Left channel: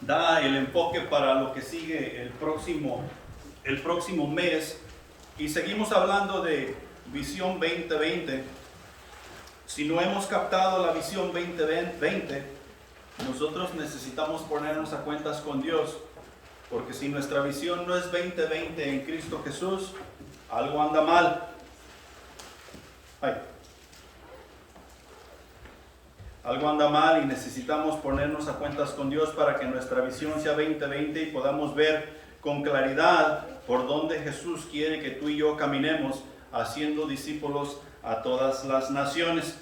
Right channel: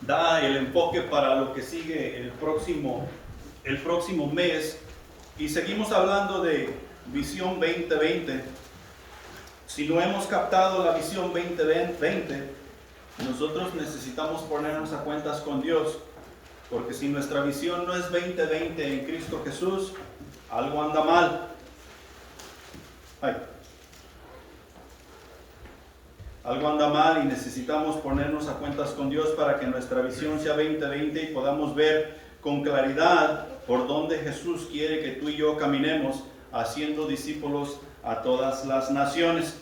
da el enfoque para lo que sigue el próximo mes. Y seguimos hablando de visión 2020. Si no hemos captado la visión 2020, nosotros necesitamos ponernos a cuentas con Dios. Porque si nuestra visión no es 2020 en Cristo Jesús, algo anda mal. Algo anda mal y necesitamos ponernos a cuentas con Dios para que nuestra visión sea 2020 y podamos ver con claridad por dónde Jesús quiere que tú y yo caminemos, haciendo discípulos a todas las naciones.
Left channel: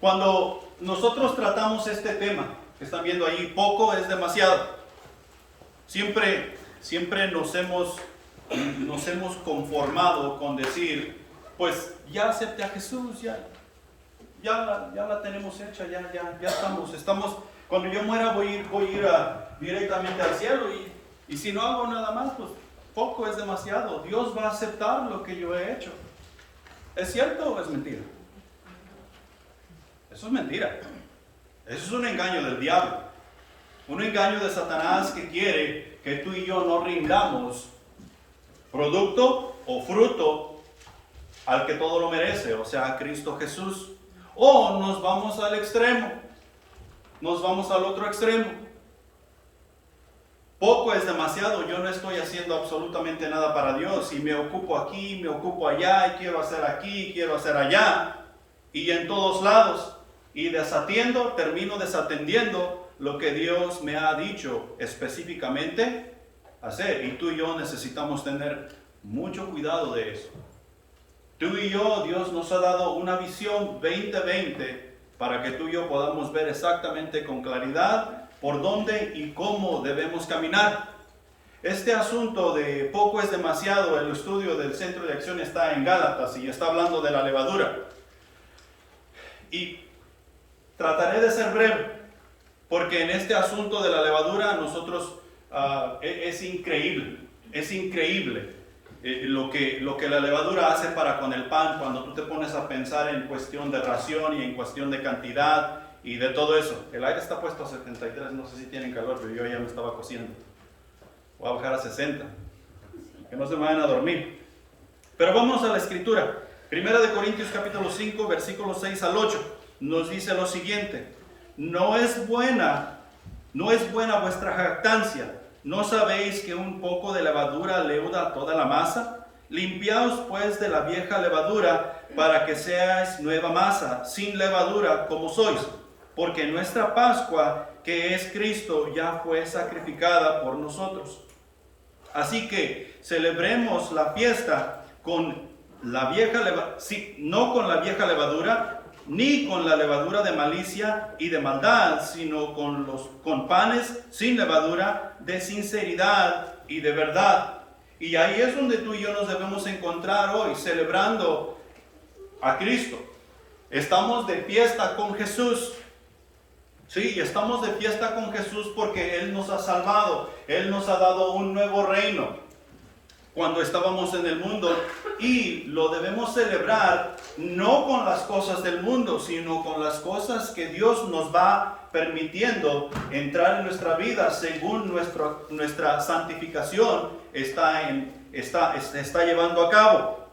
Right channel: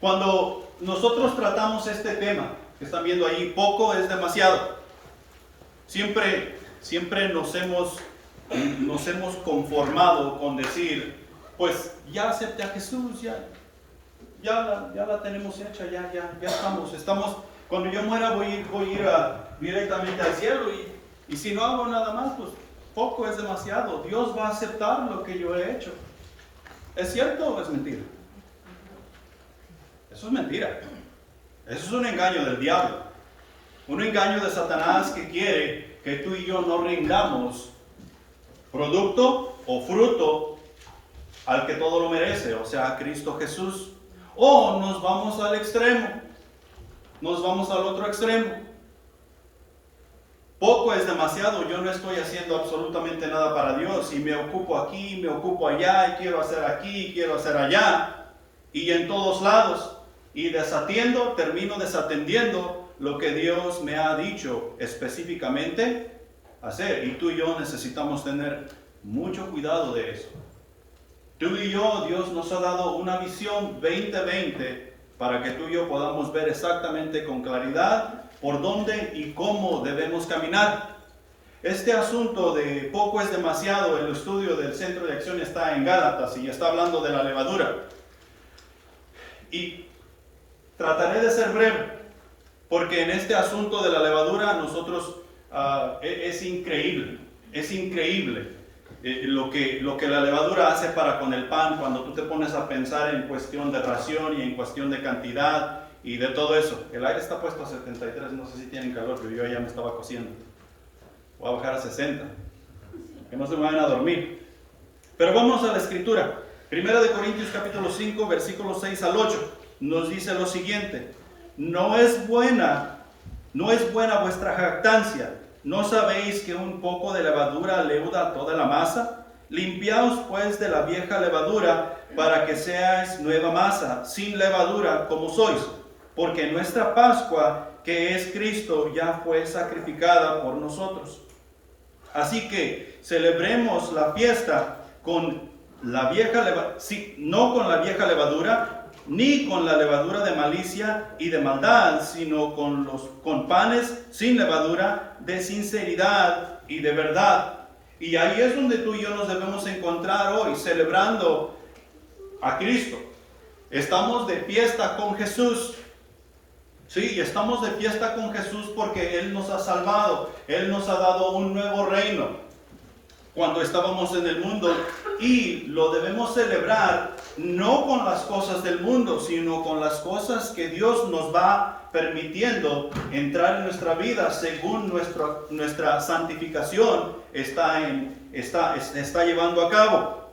Cuando nosotros tratamos este tema, que están viendo ahí, poco es demasiado. Siempre nos hemos conformado con decir, pues ya acepté a Jesús, ya la tenemos hecha, ya estamos. Cuando yo muera voy a ir directamente al cielo y si no hago nada más, pues poco es demasiado. Dios va a aceptar lo que yo he hecho. ¿Es cierto o es mentira? Eso es mentira. Eso es un engaño del diablo. Un engaño de Satanás que quiere que tú y yo no rindamos producto o fruto al que todo lo merece, o sea, a Cristo Jesús. O nos vamos al extremo, nos vamos al otro extremo. Poco es demasiado, yo no estoy haciendo absolutamente nada para Dios y me ocupo aquí, me ocupo allá y quiero hacer aquí, quiero hacer allá y en todos lados y termino desatendiendo lo que Dios me ha dicho específicamente hacer, y tú y yo necesitamos tener mucho cuidado de eso. Tú y yo, Dios nos ha dado una visión 2020 para que tú y yo podamos ver exactamente con claridad por dónde y cómo debemos caminar. Este asunto de poco es demasiado, el estudio del Centro de Acción está en Gálatas y está hablando de la levadura. Y trataré de ser breve, porque en este asunto de la levadura nosotros es increíble lo que la levadura hace para con el pan cuando tú te pones a pensar en cuestión de ración y en cuestión de cantidad y de todo eso. El aire está puesto a 73, no sé si tienen calor, pero yo ya me estaba cociendo. Voy a bajar a 60, que no se me vayan a dormir. Pero vamos a la escritura. Primera de Corintios capítulo 5, versículos 6 al 8, nos dice lo siguiente: No es buena vuestra jactancia. ¿No sabéis que un poco de levadura leuda toda la masa? Limpiaos pues de la vieja levadura, para que seáis nueva masa, sin levadura como sois. Porque nuestra Pascua, que es Cristo, ya fue sacrificada por nosotros. Así que celebremos la fiesta con la vieja levadura, no con la vieja levadura, ni con la levadura de malicia y de maldad, sino con panes sin levadura, de sinceridad y de verdad. Y ahí es donde tú y yo nos debemos encontrar hoy, celebrando a Cristo. Estamos de fiesta con Jesús. Sí, estamos de fiesta con Jesús porque Él nos ha salvado. Él nos ha dado un nuevo reino cuando estábamos en el mundo, y lo debemos celebrar no con las cosas del mundo, sino con las cosas que Dios nos va permitiendo entrar en nuestra vida según nuestra santificación está llevando a cabo.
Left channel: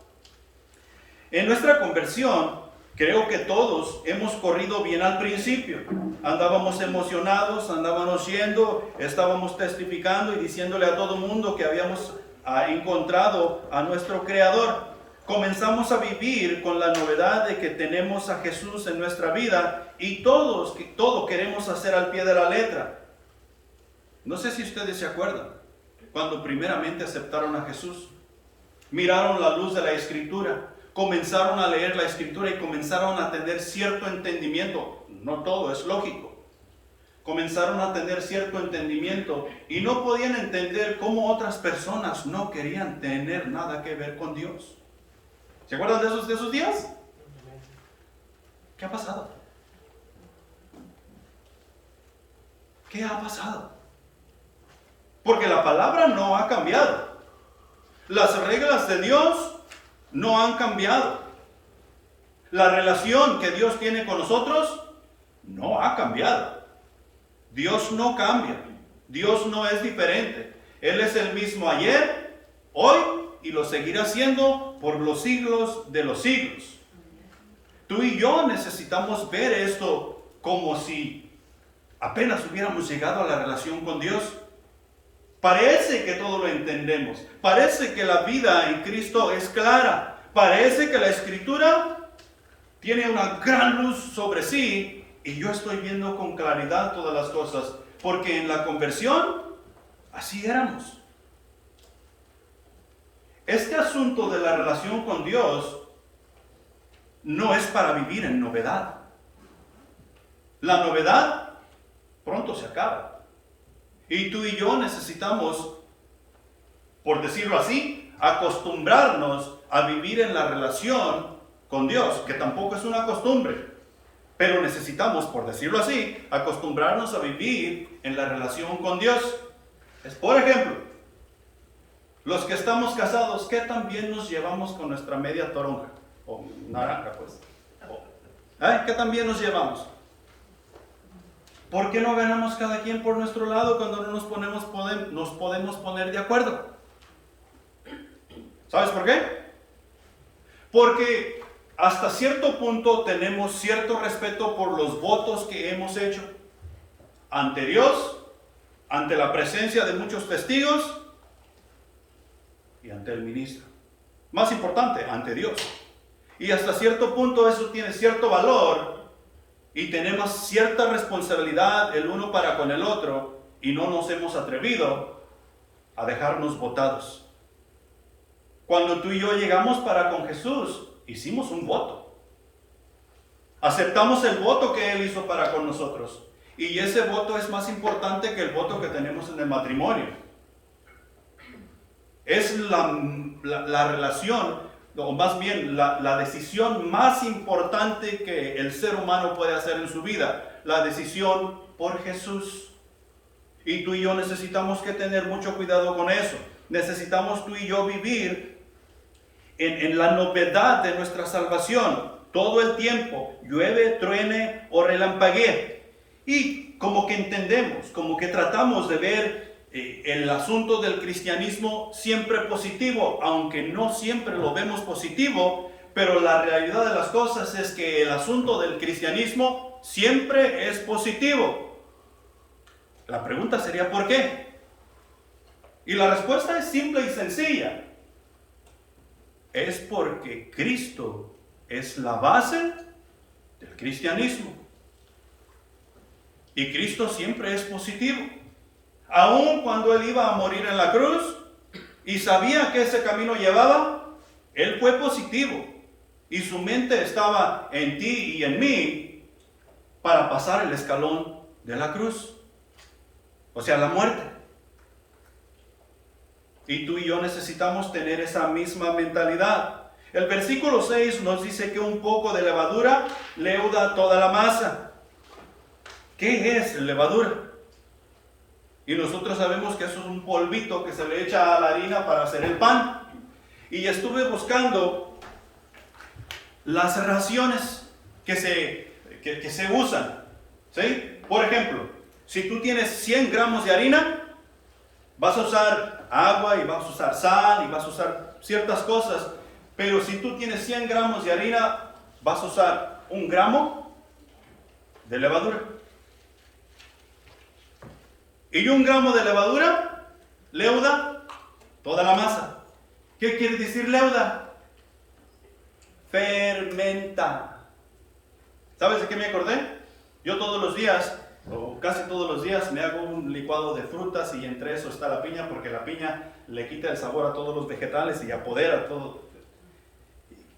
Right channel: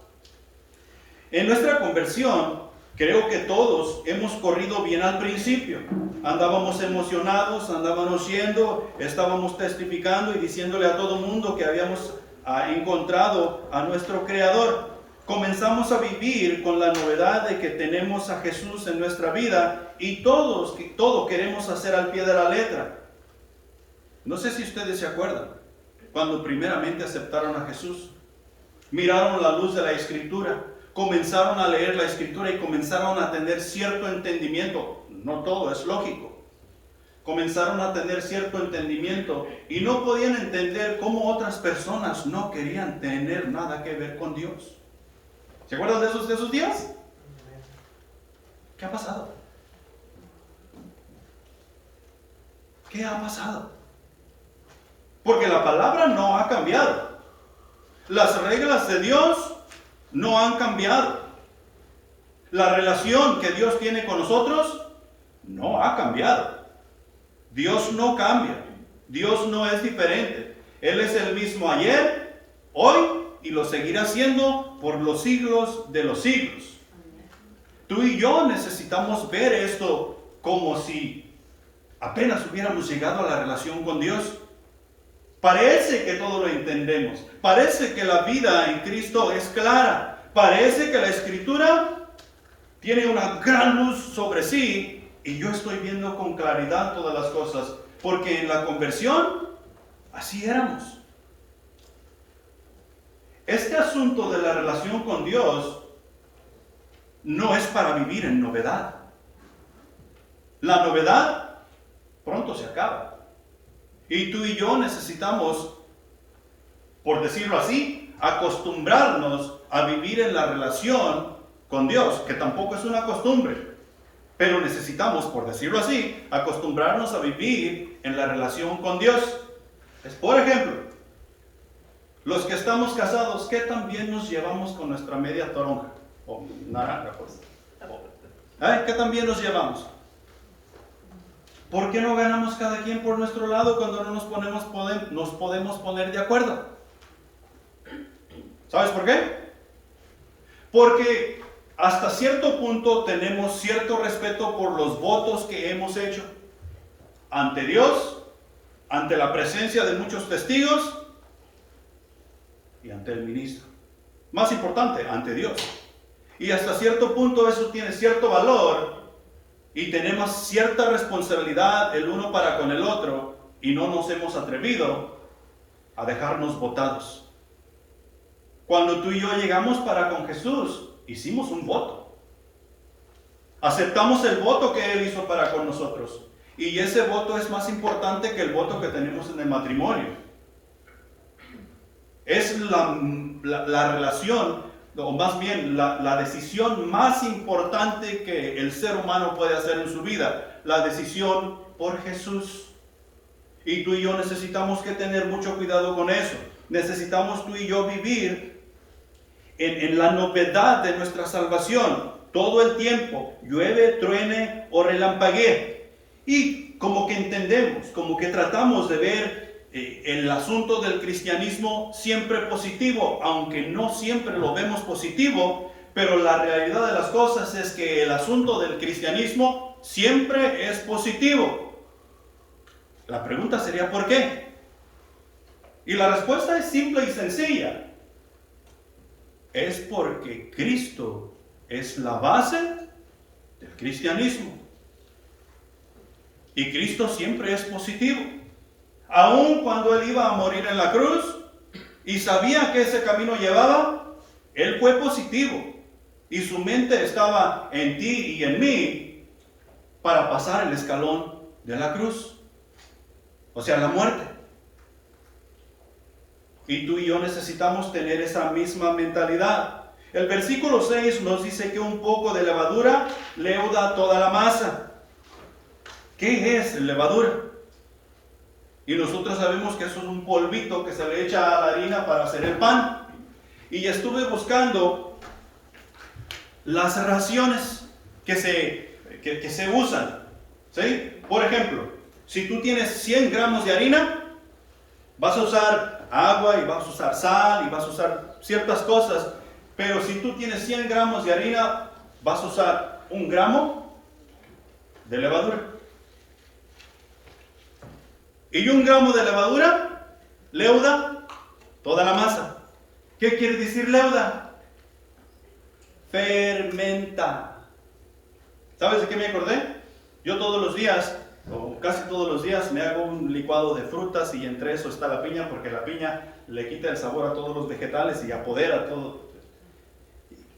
En nuestra conversión, creo que todos hemos corrido bien al principio. Andábamos emocionados, andábamos yendo, estábamos testificando y diciéndole a todo mundo que habíamos encontrado a nuestro Creador. Comenzamos a vivir con la novedad de que tenemos a Jesús en nuestra vida y todo queremos hacer al pie de la letra. No sé si ustedes se acuerdan, cuando primeramente aceptaron a Jesús, miraron la luz de la Escritura, comenzaron a leer la Escritura y comenzaron a tener cierto entendimiento. No todo es lógico. Comenzaron a tener cierto entendimiento y no podían entender cómo otras personas no querían tener nada que ver con Dios. ¿Se acuerdan de esos días? ¿Qué ha pasado? ¿Qué ha pasado? Porque la palabra no ha cambiado. Las reglas de Dios no han cambiado. La relación que Dios tiene con nosotros no ha cambiado. Dios no cambia. Dios no es diferente. Él es el mismo ayer, hoy y lo seguirá siendo por los siglos de los siglos. Tú y yo necesitamos ver esto como si apenas hubiéramos llegado a la relación con Dios. Parece que todo lo entendemos. Parece que la vida en Cristo es clara. Parece que la Escritura tiene una gran luz sobre sí y yo estoy viendo con claridad todas las cosas. Porque en la conversión, así éramos. Este asunto de la relación con Dios no es para vivir en novedad. La novedad pronto se acaba. Y tú y yo necesitamos, por decirlo así, acostumbrarnos a vivir en la relación con Dios, que tampoco es una costumbre. Pero necesitamos, por decirlo así, acostumbrarnos a vivir en la relación con Dios. Por ejemplo, los que estamos casados, ¿qué tan bien nos llevamos con nuestra media toronja? O naranja, pues. ¿Qué tan bien nos llevamos? ¿Por qué no ganamos cada quien por nuestro lado cuando no nos podemos poner de acuerdo? ¿Sabes por qué? Porque hasta cierto punto tenemos cierto respeto por los votos que hemos hecho ante Dios, ante la presencia de muchos testigos y ante el ministro. Más importante, ante Dios. Y hasta cierto punto eso tiene cierto valor y tenemos cierta responsabilidad el uno para con el otro y no nos hemos atrevido a dejarnos votados. Cuando tú y yo llegamos para con Jesús, hicimos un voto. Aceptamos el voto que Él hizo para con nosotros. Y ese voto es más importante que el voto que tenemos en el matrimonio. Es la relación, o más bien la decisión más importante que el ser humano puede hacer en su vida. La decisión por Jesús. Y tú y yo necesitamos que tener mucho cuidado con eso. Necesitamos tú y yo vivir en la novedad de nuestra salvación todo el tiempo, llueve, truene o relampaguee. Y como que entendemos, como que tratamos de ver el asunto del cristianismo siempre positivo, aunque no siempre lo vemos positivo, pero la realidad de las cosas es que el asunto del cristianismo siempre es positivo. La pregunta sería ¿por qué? Y la respuesta es simple y sencilla. Es porque Cristo es la base del cristianismo. Y Cristo siempre es positivo. Aun cuando Él iba a morir en la cruz y sabía que ese camino llevaba, Él fue positivo. Y su mente estaba en ti y en mí para pasar el escalón de la cruz. O sea, la muerte. Y tú y yo necesitamos tener esa misma mentalidad. El versículo 6 nos dice que un poco de levadura leuda toda la masa. ¿Qué es levadura? Y nosotros sabemos que eso es un polvito que se le echa a la harina para hacer el pan. Y estuve buscando las raciones que se usan. ¿Sí? Por ejemplo, si tú tienes 100 gramos de harina, vas a usar agua y vas a usar sal y vas a usar ciertas cosas. Pero si tú tienes 100 gramos de harina, vas a usar 1 gramo de levadura. Y 1 gramo de levadura leuda toda la masa. ¿Qué quiere decir leuda? Fermenta. ¿Sabes de qué me acordé? Yo todos los días, o casi todos los días, me hago un licuado de frutas y entre eso está la piña, porque la piña le quita el sabor a todos los vegetales y apodera todo.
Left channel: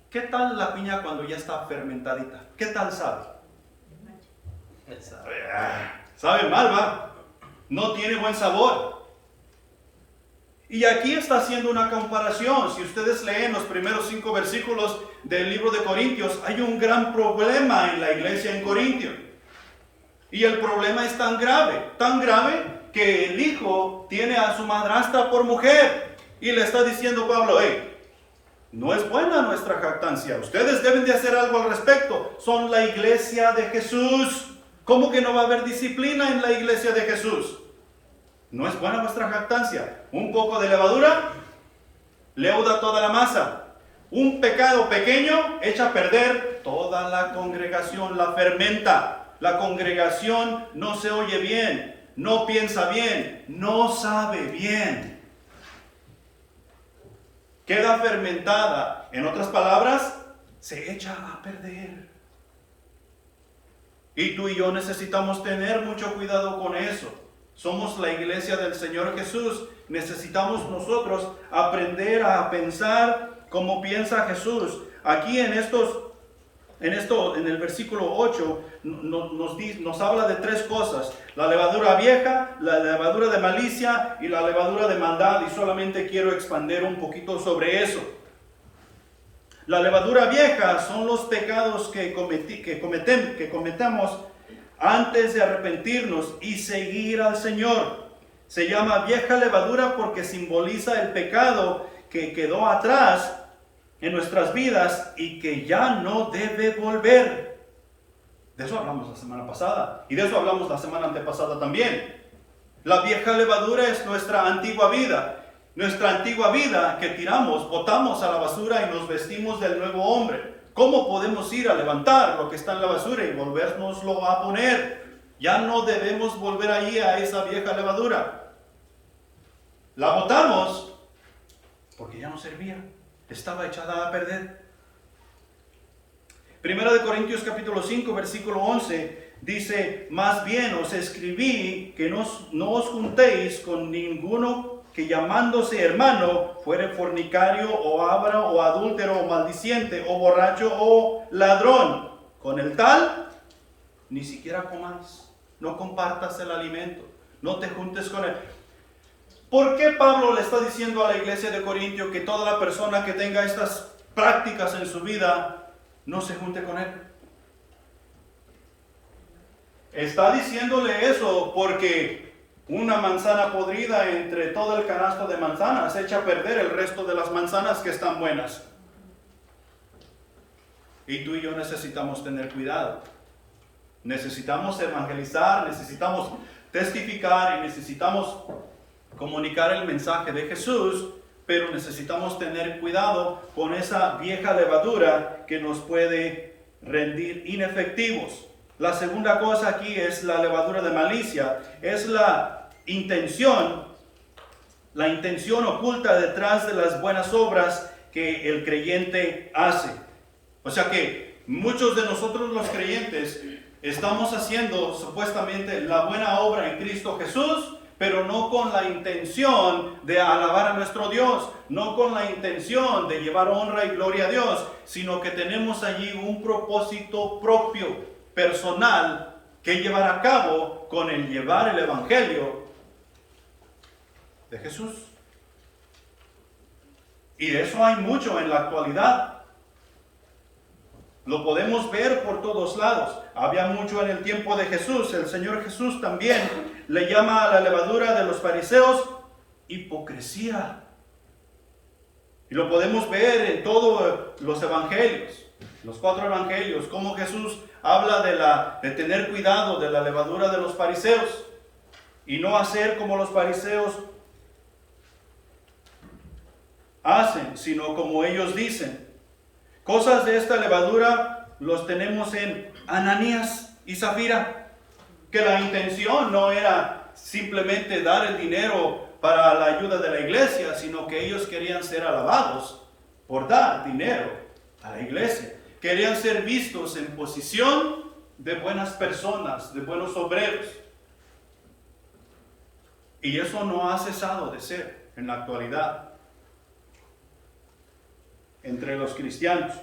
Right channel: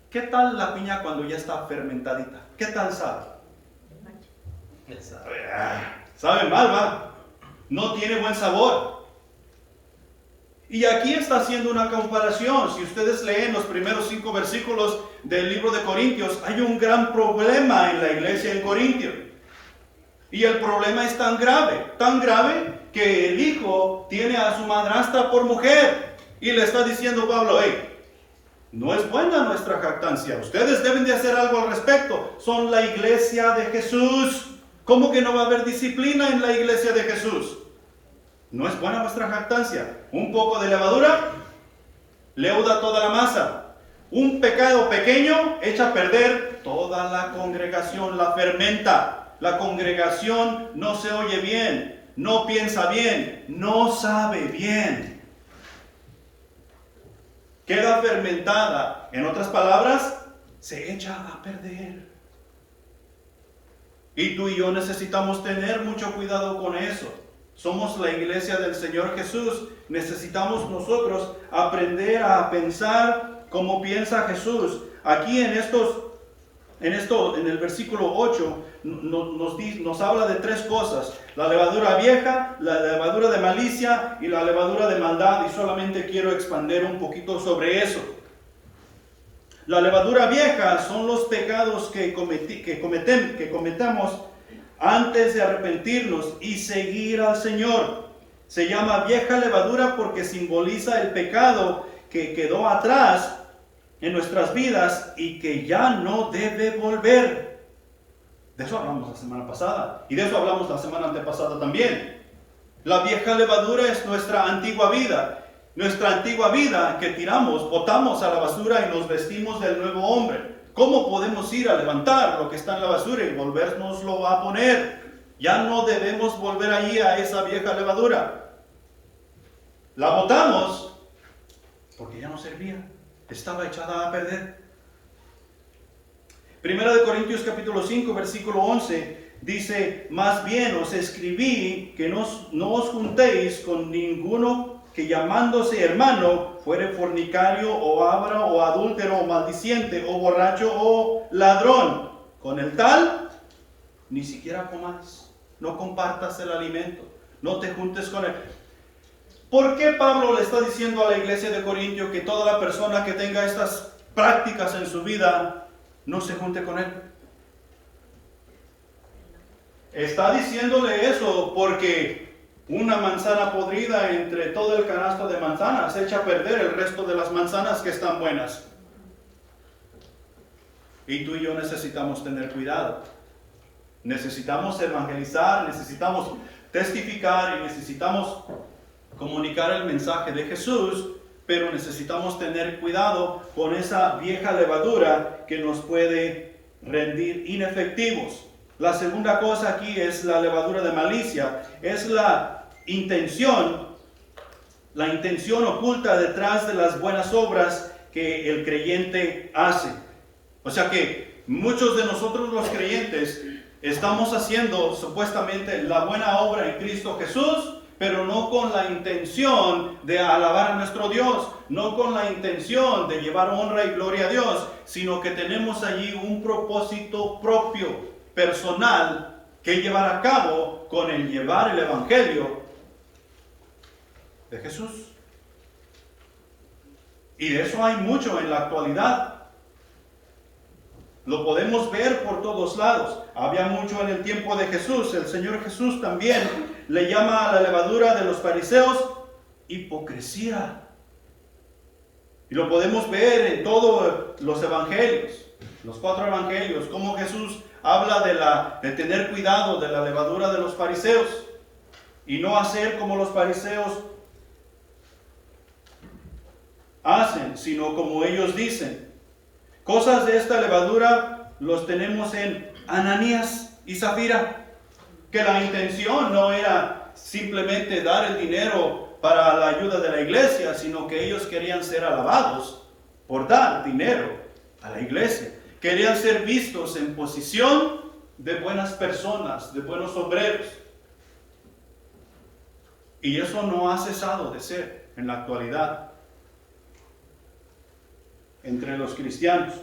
¿Qué tal la piña cuando ya está fermentadita? ¿Qué tal sabe? Sabe mal, va. No tiene buen sabor. Y aquí está haciendo una comparación. Si ustedes leen los primeros 5 versículos del libro de Corintios, hay un gran problema en la iglesia en Corintio. Y el problema es tan grave que el hijo tiene a su madrastra por mujer. Y le está diciendo Pablo, no es buena nuestra jactancia. Ustedes deben de hacer algo al respecto. Son la iglesia de Jesús. ¿Cómo que no va a haber disciplina en la iglesia de Jesús? ¿No es buena vuestra jactancia? Un poco de levadura leuda toda la masa. Un pecado pequeño echa a perder toda la congregación, la fermenta. La congregación no se oye bien, no piensa bien, no sabe bien. Queda fermentada. En otras palabras, se echa a perder. Y tú y yo necesitamos tener mucho cuidado con eso. Somos la iglesia del Señor Jesús. Necesitamos nosotros aprender a pensar como piensa Jesús. Aquí en el versículo 8 nos habla de tres cosas: la levadura vieja, la levadura de malicia y la levadura de maldad, y solamente quiero expandir un poquito sobre eso. La levadura vieja son los pecados que cometamos antes de arrepentirnos y seguir al Señor. Se llama vieja levadura porque simboliza el pecado que quedó atrás en nuestras vidas y que ya no debe volver. De eso hablamos la semana pasada y de eso hablamos la semana antepasada también. La vieja levadura es nuestra antigua vida. Nuestra antigua vida que tiramos, botamos a la basura y nos vestimos del nuevo hombre. ¿Cómo podemos ir a levantar lo que está en la basura y volvérnoslo a poner? Ya no debemos volver allí a esa vieja levadura. La botamos porque ya no servía. Estaba echada a perder. Primera de Corintios capítulo 5 versículo 11 dice: más bien os escribí que no os juntéis con ninguno que llamándose hermano fuere fornicario o avaro o adúltero o maldiciente o borracho o ladrón. Con el tal ni siquiera comáis, no compartas el alimento, no te juntes con él. ¿Por qué Pablo le está diciendo a la iglesia de Corintio que toda la persona que tenga estas prácticas en su vida no se junte con él? Está diciéndole eso porque una manzana podrida entre todo el canasto de manzanas echa a perder el resto de las manzanas que están buenas. Y tú y yo necesitamos tener cuidado. Necesitamos evangelizar, necesitamos testificar y necesitamos comunicar el mensaje de Jesús, pero necesitamos tener cuidado con esa vieja levadura que nos puede rendir inefectivos. La segunda cosa aquí es la levadura de malicia. Es la intención oculta detrás de las buenas obras que el creyente hace. O sea que muchos de nosotros los creyentes estamos haciendo supuestamente la buena obra en Cristo Jesús, pero no con la intención de alabar a nuestro Dios, no con la intención de llevar honra y gloria a Dios, sino que tenemos allí un propósito propio, personal, que llevar a cabo con el llevar el evangelio de Jesús. Y de eso hay mucho en la actualidad. Lo podemos ver por todos lados. Había mucho en el tiempo de Jesús. El Señor Jesús también le llama a la levadura de los fariseos hipocresía. Y lo podemos ver en todos los evangelios, los 4 evangelios, cómo Jesús habla de tener cuidado de la levadura de los fariseos y no hacer como los fariseos hacen, sino como ellos dicen. Cosas de esta levadura los tenemos en Ananías y Zafira, que la intención no era simplemente dar el dinero para la ayuda de la iglesia, sino que ellos querían ser alabados por dar dinero a la iglesia. Querían ser vistos en posición de buenas personas, de buenos obreros. Y eso no ha cesado de ser en la actualidad entre los cristianos.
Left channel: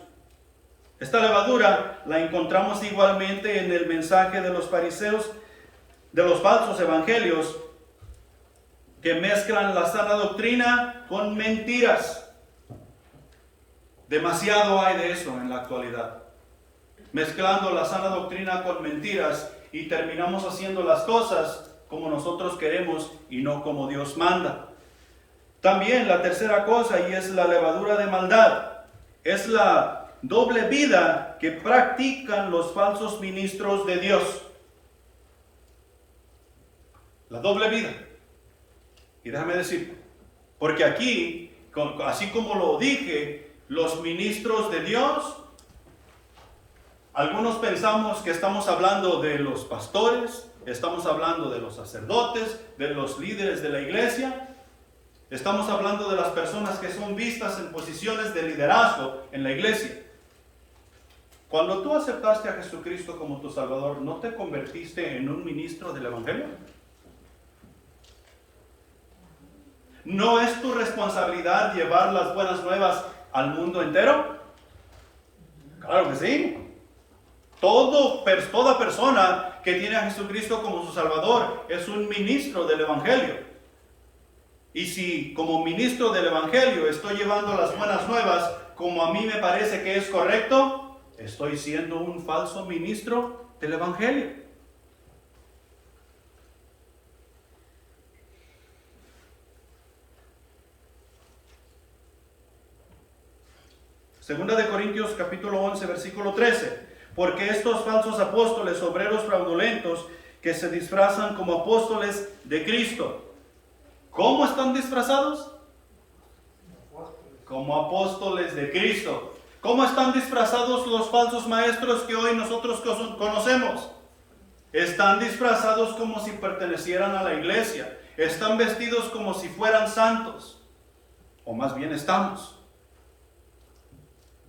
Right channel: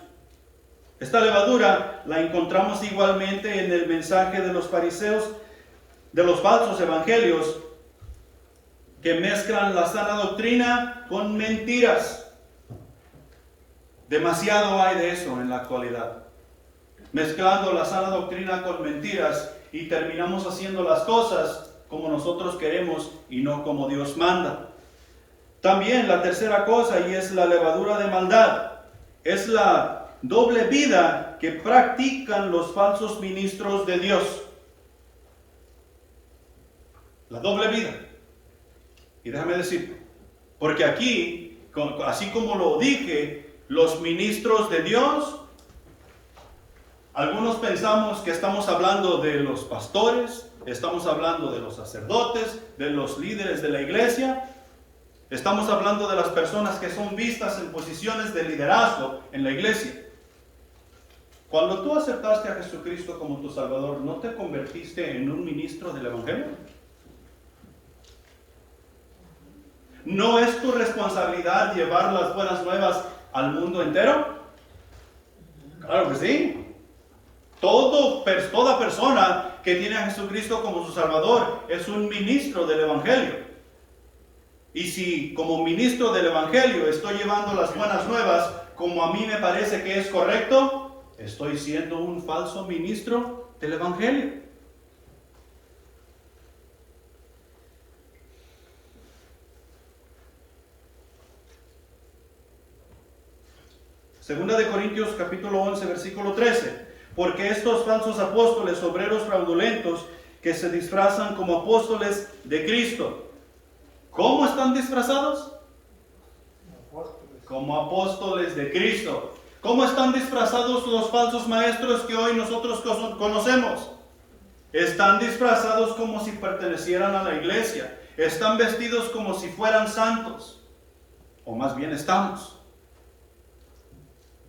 Esta levadura la encontramos igualmente en el mensaje de los fariseos, de los falsos evangelios, que mezclan la sana doctrina con mentiras. Demasiado hay de eso en la actualidad. Mezclando la sana doctrina con mentiras y terminamos haciendo las cosas como nosotros queremos y no como Dios manda. También la tercera cosa, y es la levadura de maldad, es la doble vida que practican los falsos ministros de Dios. La doble vida. Y déjame decir, porque aquí, así como lo dije, los ministros de Dios, algunos pensamos que estamos hablando de los pastores, estamos hablando de los sacerdotes, de los líderes de la iglesia, estamos hablando de las personas que son vistas en posiciones de liderazgo en la iglesia. Cuando tú aceptaste a Jesucristo como tu Salvador, ¿no te convertiste en un ministro del Evangelio? ¿No es tu responsabilidad llevar las buenas nuevas al mundo entero? Claro que sí. Toda persona que tiene a Jesucristo como su Salvador es un ministro del Evangelio. Y si como ministro del Evangelio estoy llevando las buenas nuevas como a mí me parece que es correcto, estoy siendo un falso ministro del Evangelio. Segunda de Corintios capítulo 11 versículo 13. Porque estos falsos apóstoles, obreros fraudulentos, que se disfrazan como apóstoles de Cristo. ¿Cómo están disfrazados? Como apóstoles de Cristo. ¿Cómo están disfrazados los falsos maestros que hoy nosotros conocemos? Están disfrazados como si pertenecieran a la iglesia. Están vestidos como si fueran santos. O más bien estamos.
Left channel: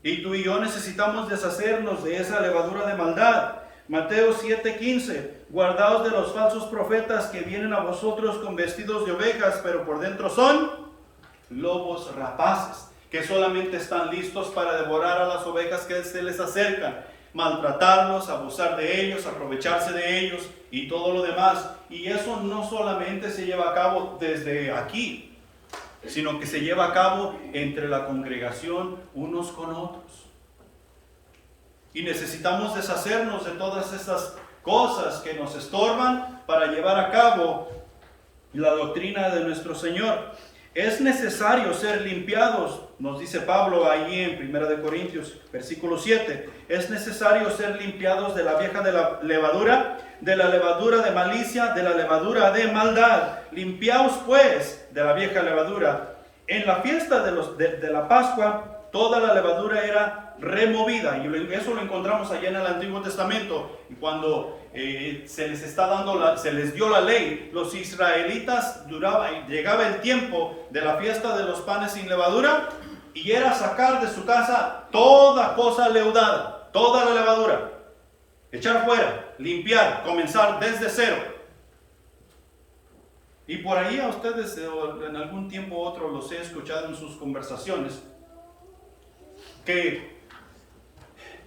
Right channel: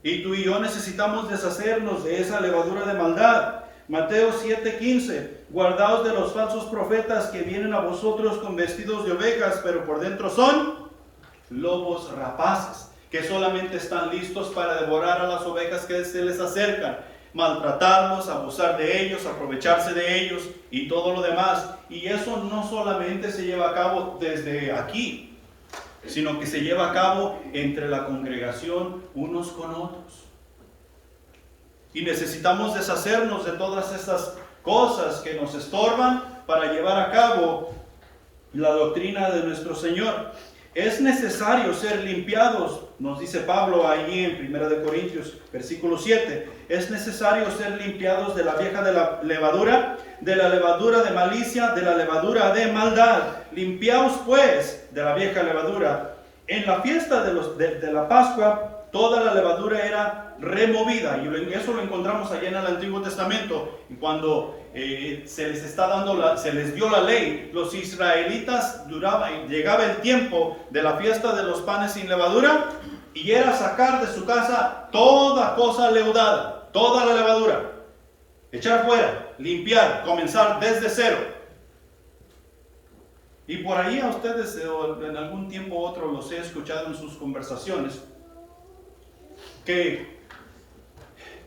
Y tú y yo necesitamos deshacernos de esa levadura de maldad. Mateo 7:15. Guardaos de los falsos profetas que vienen a vosotros con vestidos de ovejas, pero por dentro son lobos rapaces, que solamente están listos para devorar a las ovejas que se les acercan, maltratarlos, abusar de ellos, aprovecharse de ellos y todo lo demás. Y eso no solamente se lleva a cabo desde aquí, sino que se lleva a cabo entre la congregación unos con otros. Y necesitamos deshacernos de todas esas cosas que nos estorban para llevar a cabo la doctrina de nuestro Señor. Es necesario ser limpiados, nos dice Pablo allí en 1 Corintios, versículo 7. Es necesario ser limpiados de la vieja de la levadura de malicia, de la levadura de maldad. Limpiaos pues de la vieja levadura. En la fiesta de la Pascua, toda la levadura era removida. Y eso lo encontramos allá en el Antiguo Testamento. Y cuando se les dio la ley, los israelitas llegaba el tiempo de la fiesta de los panes sin levadura, y era sacar de su casa toda cosa leudada, toda la levadura, echar fuera, limpiar, comenzar desde cero. Y por ahí a ustedes en algún tiempo u otro los he escuchado en sus conversaciones, que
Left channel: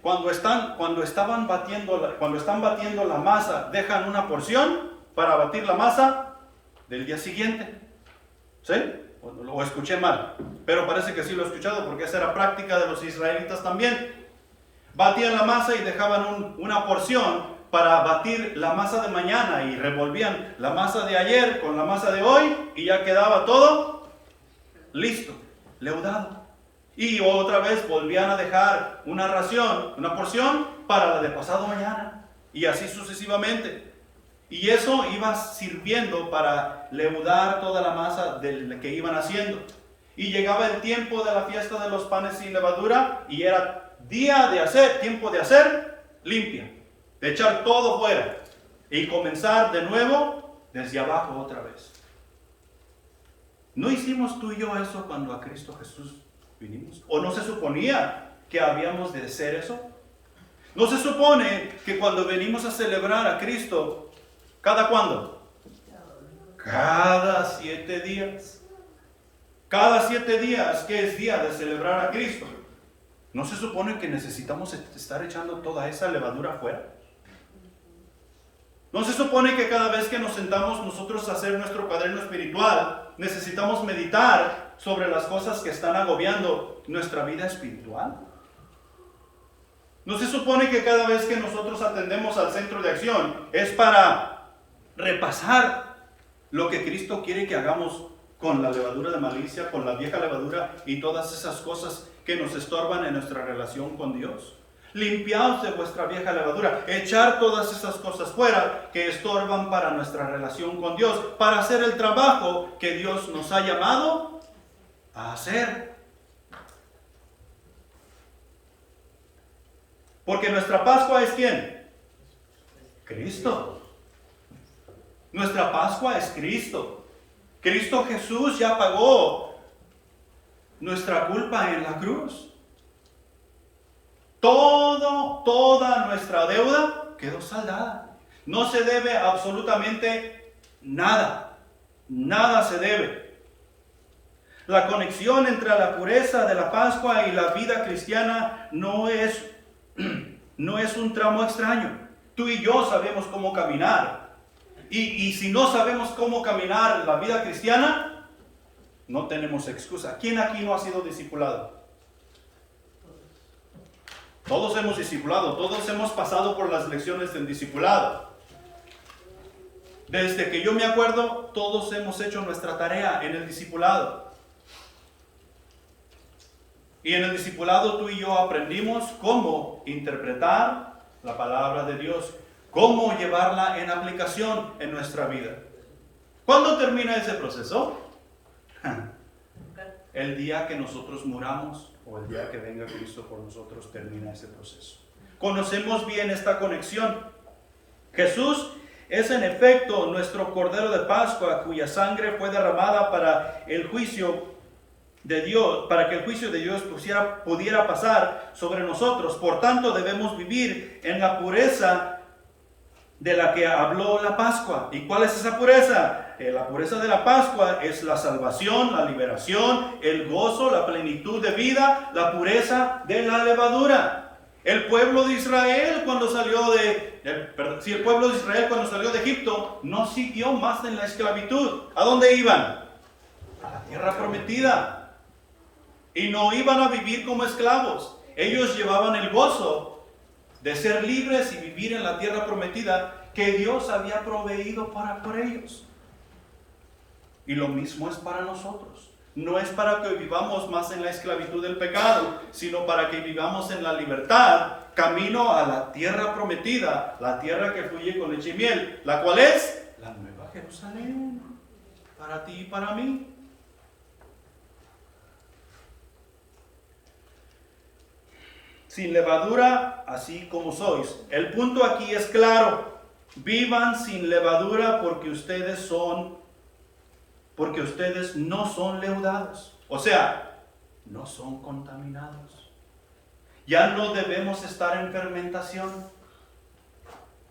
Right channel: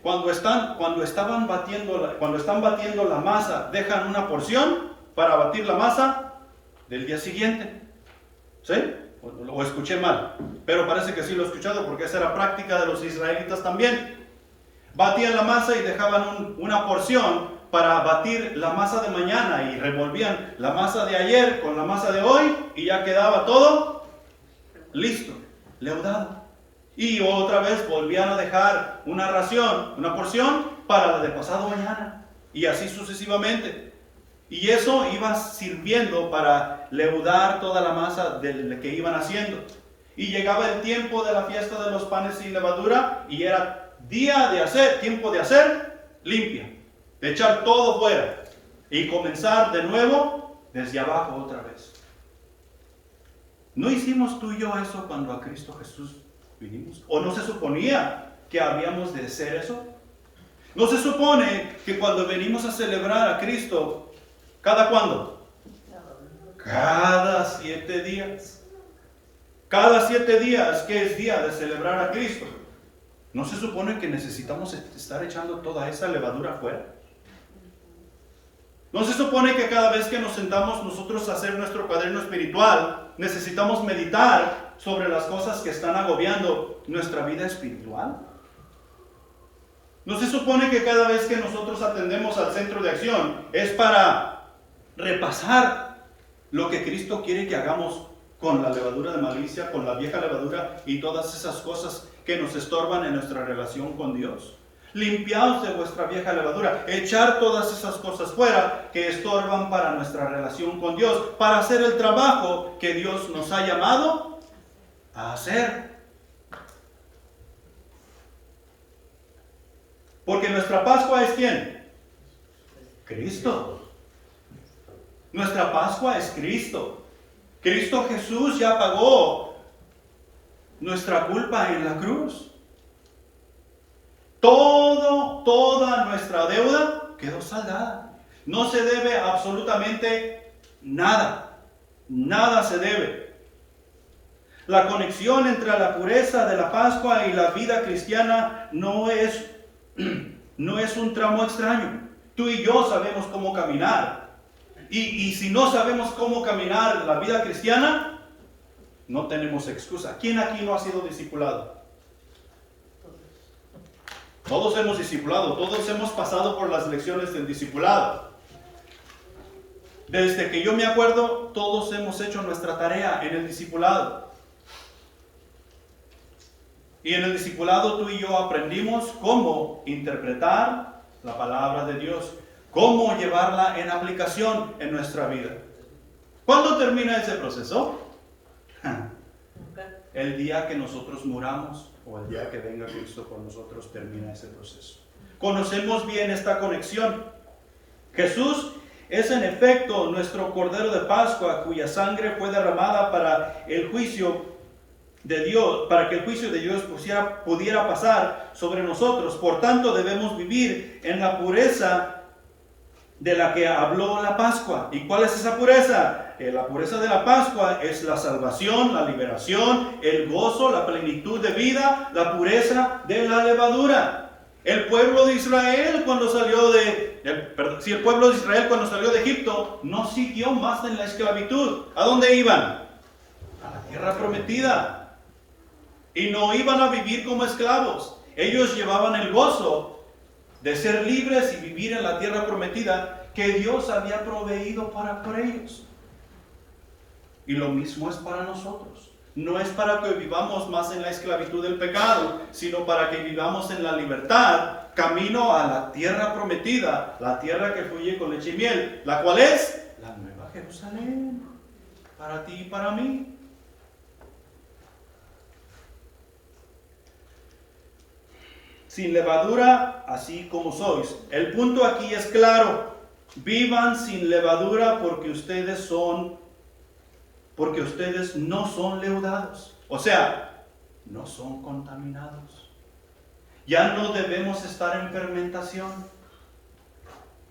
cuando están batiendo la masa, dejan una porción para batir la masa del día siguiente. ¿Sí? O escuché mal, pero parece que sí lo he escuchado, porque esa era práctica de los israelitas también. Batían la masa y dejaban una porción para batir la masa de mañana, y revolvían la masa de ayer con la masa de hoy, y ya quedaba todo listo, leudado. Y otra vez volvían a dejar una porción para la de pasado mañana, y así sucesivamente. Y eso iba sirviendo para leudar toda la masa que iban haciendo. Y llegaba el tiempo de la fiesta de los panes sin levadura, y era tiempo de hacer limpia, de echar todo fuera y comenzar de nuevo desde abajo otra vez. ¿No hicimos tú y yo eso cuando a Cristo Jesús vinimos? ¿O no se suponía que habíamos de hacer eso? ¿No se supone que cuando venimos a celebrar a Cristo, ¿cada cuándo? Cada 7 días. Cada 7 días, que es día de celebrar a Cristo. ¿No se supone que necesitamos estar echando toda esa levadura fuera? ¿No se supone que cada vez que nos sentamos nosotros a hacer nuestro cuaderno espiritual, necesitamos meditar sobre las cosas que están agobiando nuestra vida espiritual? ¿No se supone que cada vez que nosotros atendemos al centro de acción es para repasar lo que Cristo quiere que hagamos con la levadura de malicia, con la vieja levadura y todas esas cosas que nos estorban en nuestra relación con Dios? limpiaos de vuestra vieja levadura, echar todas esas cosas fuera que estorban para nuestra relación con Dios, para hacer el trabajo que Dios nos ha llamado a hacer. Porque nuestra Pascua es ¿quién? Cristo. Nuestra Pascua es Cristo. Cristo Jesús ya pagó nuestra culpa en la cruz. Toda nuestra deuda quedó saldada. No se debe absolutamente nada. Nada se debe. La conexión entre la pureza de la Pascua y la vida cristiana no es un tramo extraño. Tú y yo sabemos cómo caminar. Y si no sabemos cómo caminar la vida cristiana, no tenemos excusa. ¿Quién aquí no ha sido discipulado? Todos hemos discipulado, todos hemos pasado por las lecciones del discipulado. Desde que yo me acuerdo, todos hemos hecho nuestra tarea en el discipulado. Y en el discipulado tú y yo aprendimos cómo interpretar la palabra de Dios, cómo llevarla en aplicación en nuestra vida. ¿Cuándo termina ese proceso? El día que nosotros muramos o el día que venga Cristo por nosotros termina ese proceso. Conocemos bien esta conexión. Jesús es en efecto nuestro Cordero de Pascua, cuya sangre fue derramada para el juicio de Dios, para que el juicio de Dios pudiera pasar sobre nosotros. Por tanto, debemos vivir en la pureza de la que habló la Pascua. ¿Y cuál es esa pureza? La pureza de la Pascua es la salvación, la liberación, el gozo, la plenitud de vida, la pureza de la levadura. El pueblo de Israel cuando salió el pueblo de Israel cuando salió de Egipto no siguió más en la esclavitud. ¿A dónde iban? A la tierra prometida. Y no iban a vivir como esclavos. Ellos llevaban el gozo de ser libres y vivir en la tierra prometida que Dios había proveído por ellos. Y lo mismo es para nosotros. No es para que vivamos más en la esclavitud del pecado, sino para que vivamos en la libertad, camino a la tierra prometida, la tierra que fluye con leche y miel, la cual es la nueva Jerusalén, para ti y para mí. Sin levadura, así como sois. El punto aquí es claro. Vivan sin levadura porque ustedes no son leudados. O sea, no son contaminados. Ya no debemos estar en fermentación.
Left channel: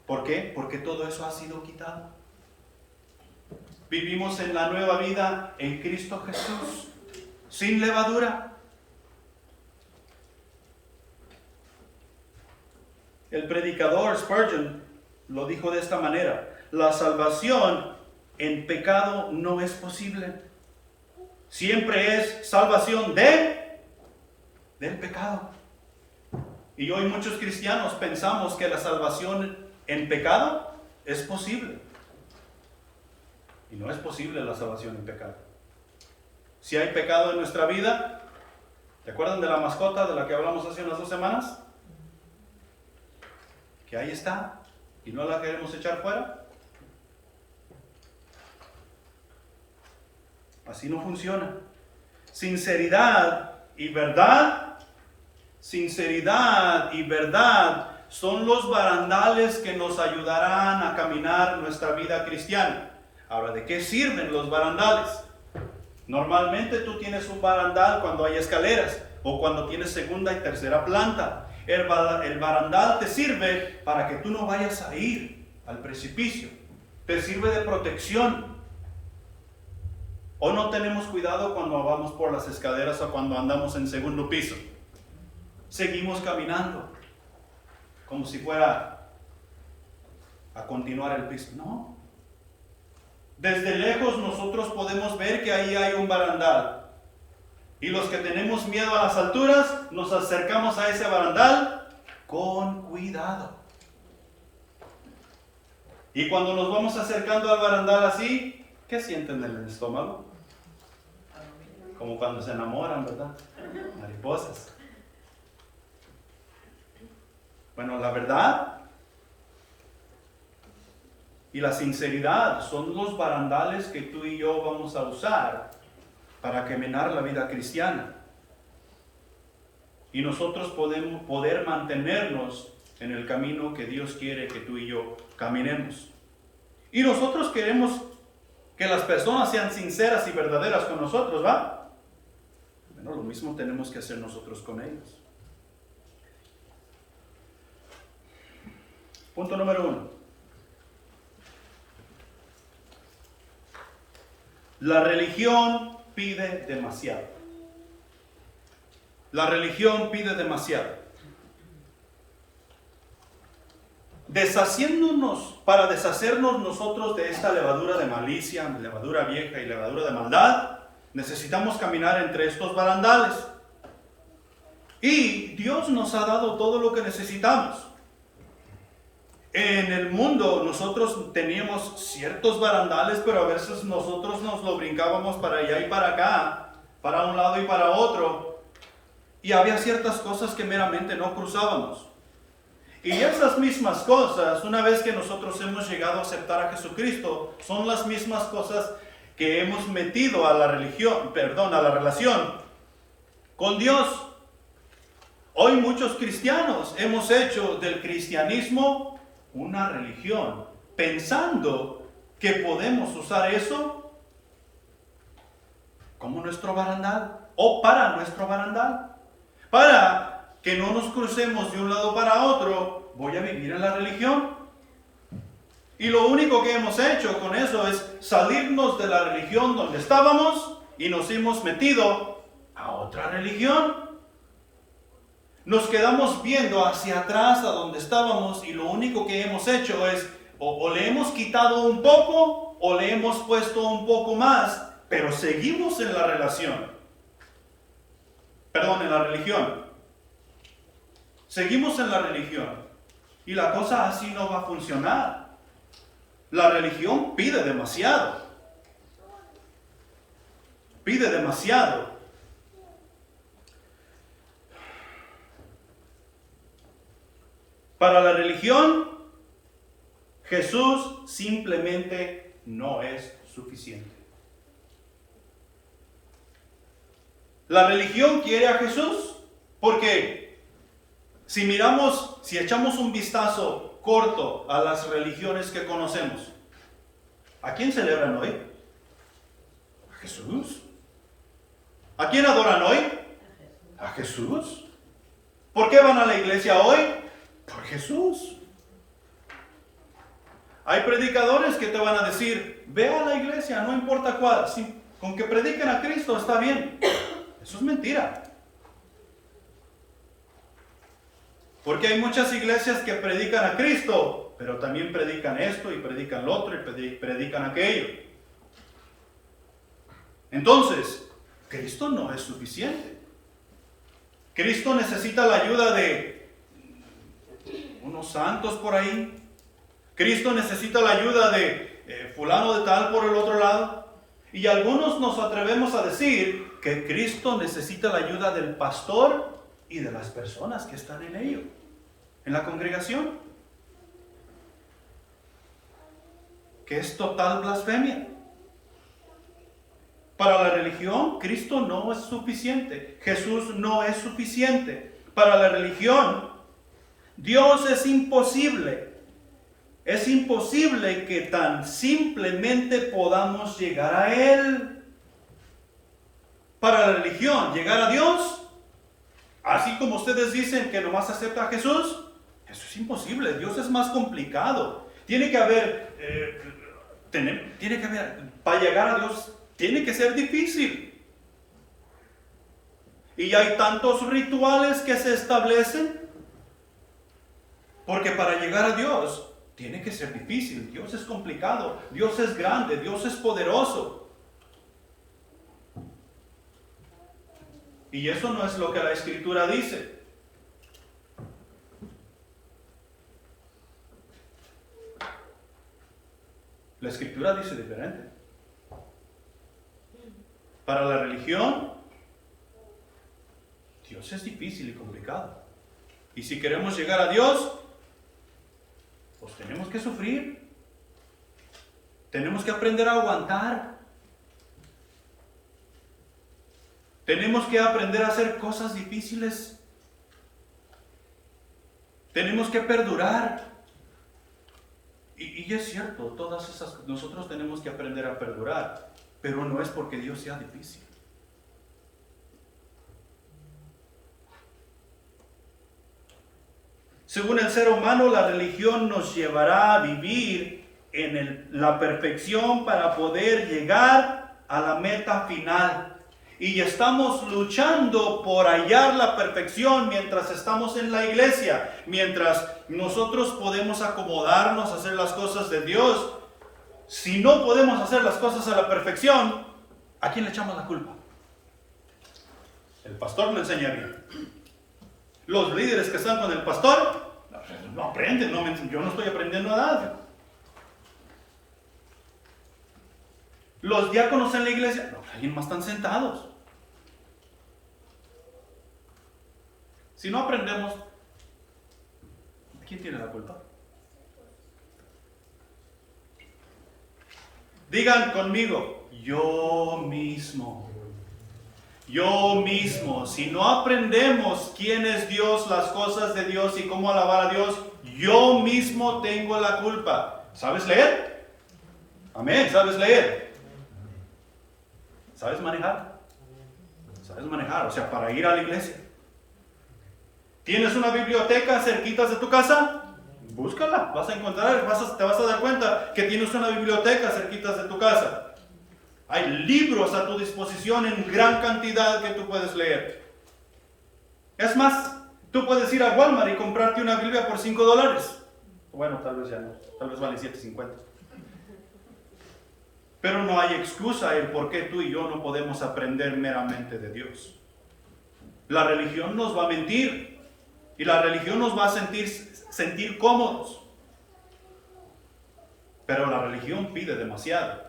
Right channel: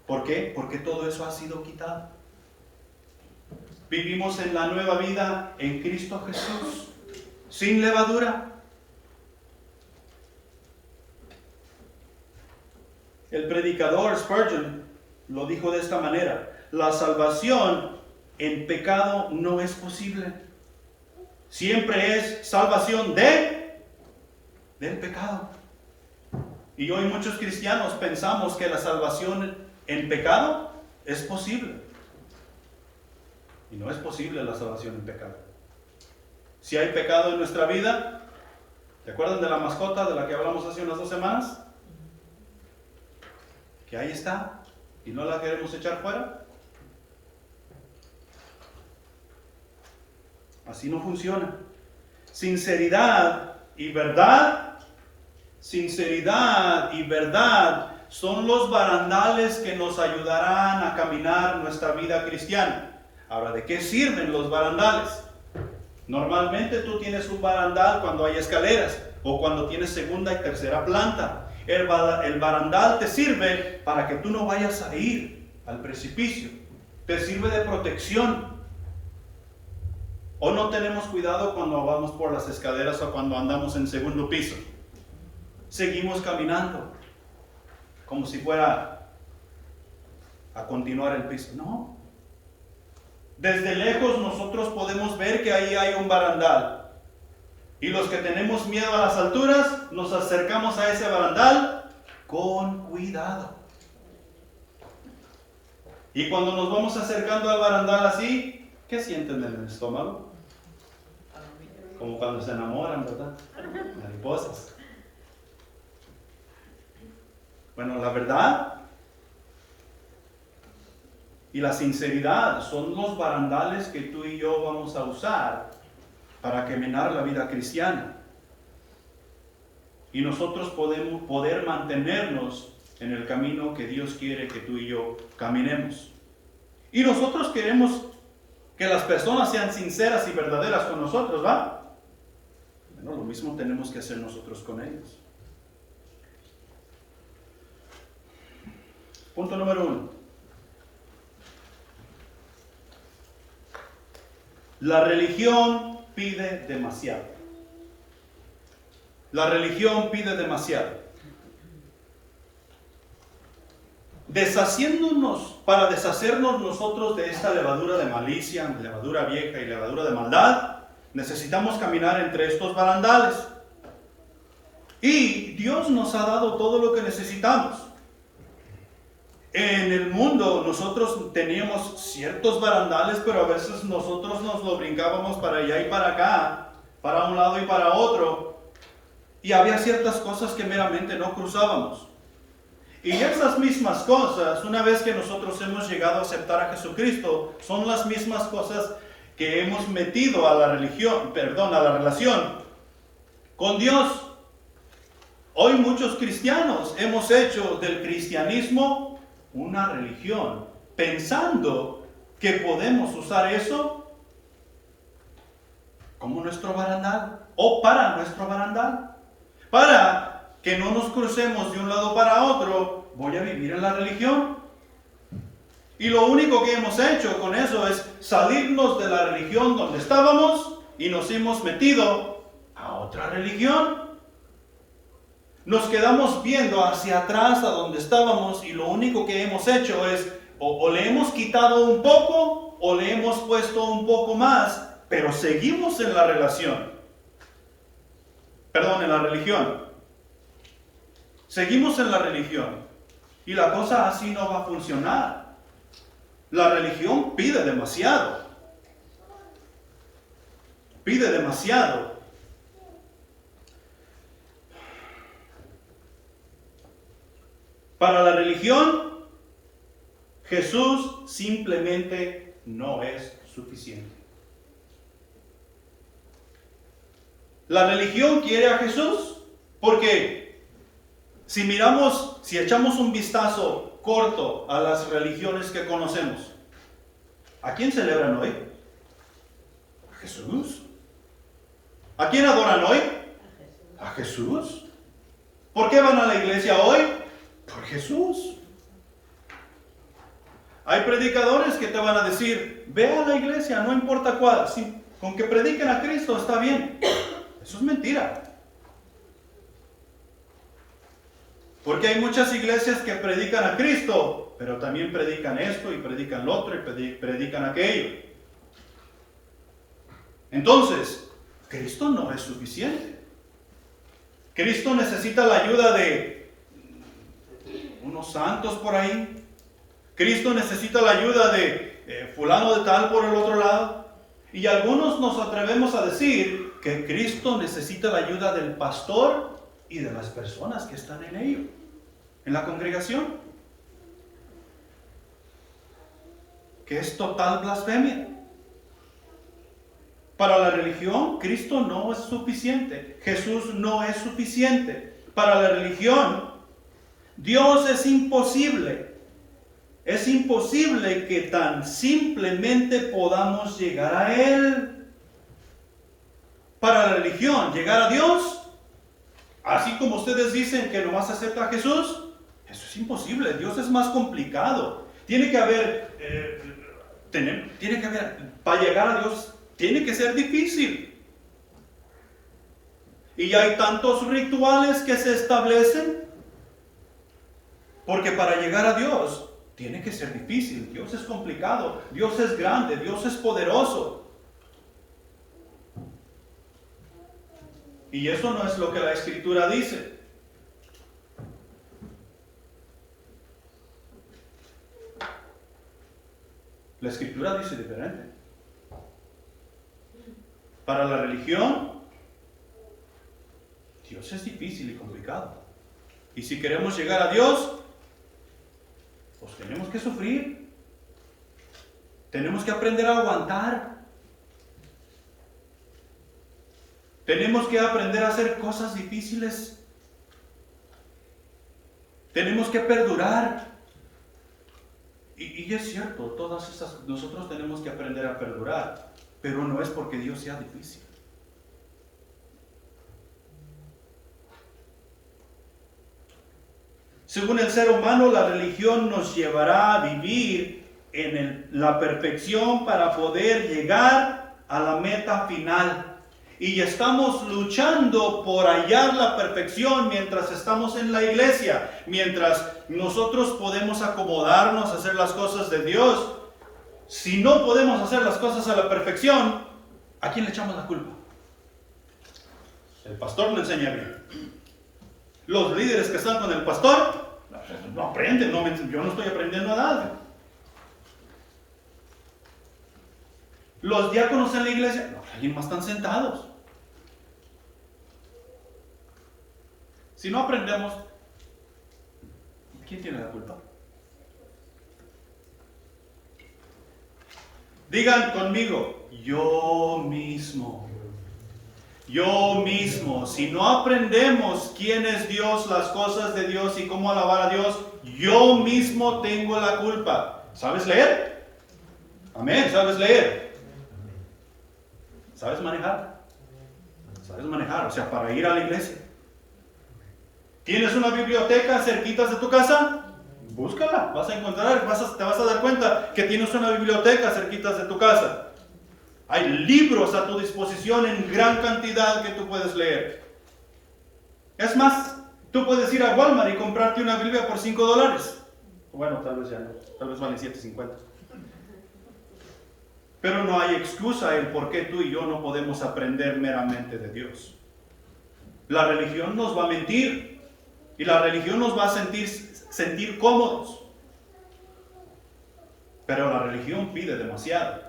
¿Por qué? Porque todo eso ha sido quitado. Vivimos en la nueva vida en Cristo Jesús, sin levadura. El predicador Spurgeon lo dijo de esta manera: la salvación en pecado no es posible. Siempre es salvación del pecado. Y hoy muchos cristianos pensamos que la salvación en pecado es posible. Y no es posible la salvación en pecado. Si hay pecado en nuestra vida, ¿te acuerdan de la mascota de la que hablamos hace unas 2 semanas? Que ahí está y no la queremos echar fuera. Así no funciona. Sinceridad y verdad son los barandales que nos ayudarán a caminar nuestra vida cristiana. Ahora, ¿de qué sirven los barandales? Normalmente tú tienes un barandal cuando hay escaleras o cuando tienes segunda y tercera planta. El barandal te sirve para que tú no vayas a ir al precipicio. Te sirve de protección. O no tenemos cuidado cuando vamos por las escaleras o cuando andamos en segundo piso. Seguimos caminando como si fuera a continuar el piso. No. Desde lejos nosotros podemos ver que ahí hay un barandal. Y los que tenemos miedo a las alturas, nos acercamos a ese barandal con cuidado. Y cuando nos vamos acercando al barandal así, ¿qué sienten en el estómago? Como cuando se enamoran, ¿verdad? Mariposas. Bueno, la verdad y la sinceridad son los barandales que tú y yo vamos a usar para caminar la vida cristiana. Y nosotros podemos poder mantenernos en el camino que Dios quiere que tú y yo caminemos. Y nosotros queremos que las personas sean sinceras y verdaderas con nosotros, ¿va? Bueno, lo mismo tenemos que hacer nosotros con ellos. Punto número 1. La religión pide demasiado. La religión pide demasiado. Para deshacernos nosotros de esta levadura de malicia, levadura vieja y levadura de maldad, necesitamos caminar entre estos barandales. Y Dios nos ha dado todo lo que necesitamos. En el mundo nosotros teníamos ciertos barandales, pero a veces nosotros nos lo brincábamos para allá y para acá, para un lado y para otro. Y había ciertas cosas que meramente no cruzábamos. Y esas mismas cosas, una vez que nosotros hemos llegado a aceptar a Jesucristo, son las mismas cosas que hemos metido a la relación con Dios. Hoy muchos cristianos hemos hecho del cristianismo una religión, pensando que podemos usar eso como nuestro barandal o para nuestro barandal. Para que no nos crucemos de un lado para otro, voy a vivir en la religión. Y lo único que hemos hecho con eso es salirnos de la religión donde estábamos y nos hemos metido a otra religión. Nos quedamos viendo hacia atrás a donde estábamos y lo único que hemos hecho es o le hemos quitado un poco o le hemos puesto un poco más, pero seguimos en la religión. Seguimos en la religión y la cosa así no va a funcionar. La religión pide demasiado. Pide demasiado. Para la religión, Jesús simplemente no es suficiente. La religión quiere a Jesús porque si echamos un vistazo corto a las religiones que conocemos, ¿a quién celebran hoy? ¿A Jesús? ¿A quién adoran hoy? ¿A Jesús? ¿Por qué van a la iglesia hoy? Por Jesús. Hay predicadores que te van a decir, ve a la iglesia, no importa cuál, con que prediquen a Cristo está bien. Eso es mentira. Porque hay muchas iglesias que predican a Cristo, pero también predican esto y predican lo otro y predican aquello. Entonces, Cristo no es suficiente. Cristo necesita la ayuda de unos santos por ahí. Cristo necesita la ayuda de fulano de tal por el otro lado. Y algunos nos atrevemos a decir que Cristo necesita la ayuda del pastor y de las personas que están en ello, en la congregación, que es total blasfemia. Para la religión, Cristo no es suficiente, Jesús no es suficiente. Para la religión, Dios es imposible. Es imposible que tan simplemente podamos llegar a Él. Para la religión, llegar a Dios, así como ustedes dicen que nomás acepta a Jesús, eso es imposible. Dios es más complicado. Tiene que haber, para llegar a Dios, tiene que ser difícil. Y hay tantos rituales que se establecen, porque para llegar a Dios tiene que ser difícil. Dios es complicado, Dios es grande, Dios es poderoso. Y eso no es lo que la Escritura dice. La Escritura dice diferente. Para la religión, Dios es difícil y complicado. Y si queremos llegar a Dios, pues tenemos que sufrir. Tenemos que aprender a aguantar. Tenemos que aprender a hacer cosas difíciles. Tenemos que perdurar. Y es cierto, todas esas, nosotros tenemos que aprender a perdurar, pero no es porque Dios sea difícil. Según el ser humano, la religión nos llevará a vivir en la perfección para poder llegar a la meta final. Y estamos luchando por hallar la perfección mientras estamos en la iglesia, mientras nosotros podemos acomodarnos a hacer las cosas de Dios. Si no podemos hacer las cosas a la perfección, ¿a quién le echamos la culpa? El pastor le enseña bien. Los líderes que están con el pastor no aprenden, yo no estoy aprendiendo nada. Los diáconos en la iglesia, alguien más están sentados. Si no aprendemos, ¿quién tiene la culpa? Digan conmigo, yo mismo. Yo mismo. Si no aprendemos quién es Dios, las cosas de Dios y cómo alabar a Dios, yo mismo tengo la culpa. ¿Sabes leer? Amén. ¿Sabes leer? ¿Sabes manejar? ¿Sabes manejar? O sea, para ir a la iglesia. ¿Tienes una biblioteca cerquita de tu casa? Búscala, vas a encontrar, te vas a dar cuenta que tienes una biblioteca cerquita de tu casa. Hay libros a tu disposición en gran cantidad que tú puedes leer. Es más, tú puedes ir a Walmart y comprarte una Biblia por $5. Bueno, tal vez ya no, tal vez vale $7.50. Pero no hay excusa en por qué tú y yo no podemos aprender meramente de Dios. La religión nos va a mentir y la religión nos va a sentir cómodos. Pero la religión pide demasiado.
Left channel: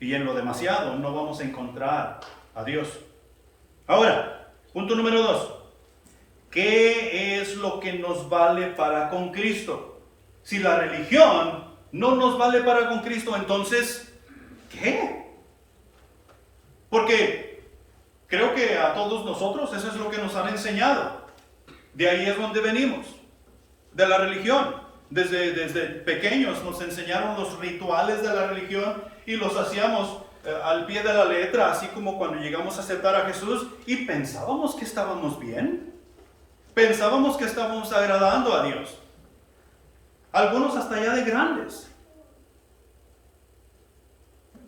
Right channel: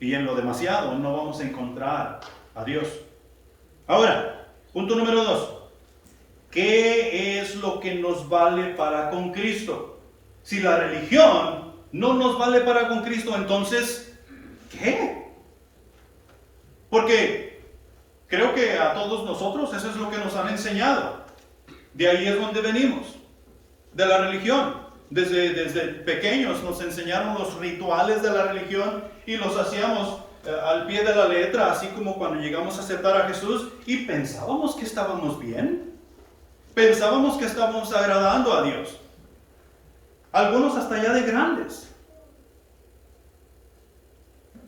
Y en lo demasiado no vamos a encontrar a Dios. Ahora, punto número 2. ¿Qué es lo que nos vale para con Cristo? Si la religión no nos vale para con Cristo, entonces, ¿qué? Porque creo que a todos nosotros eso es lo que nos han enseñado. De ahí es donde venimos, de la religión. Desde pequeños nos enseñaron los rituales de la religión y los hacíamos al pie de la letra, así como cuando llegamos a aceptar a Jesús y pensábamos que estábamos bien. Pensábamos que estábamos agradando a Dios. Algunos hasta ya de grandes.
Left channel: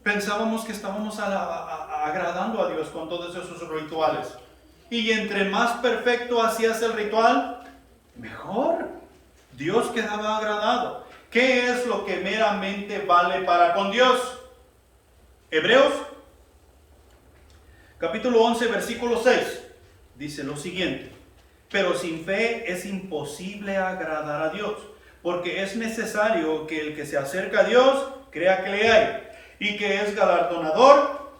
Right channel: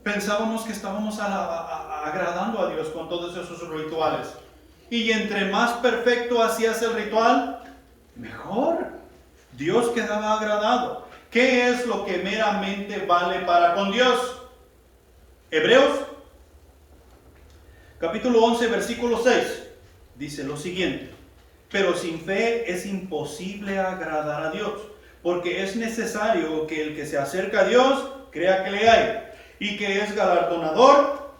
Pensábamos que estábamos agradando a Dios con todos esos rituales. Y entre más perfecto hacías el ritual, mejor. Dios quedaba agradado. ¿Qué es lo que meramente vale para con Dios? Hebreos, capítulo 11, versículo 6, dice lo siguiente. Pero sin fe es imposible agradar a Dios, porque es necesario que el que se acerca a Dios crea que le hay, y que es galardonador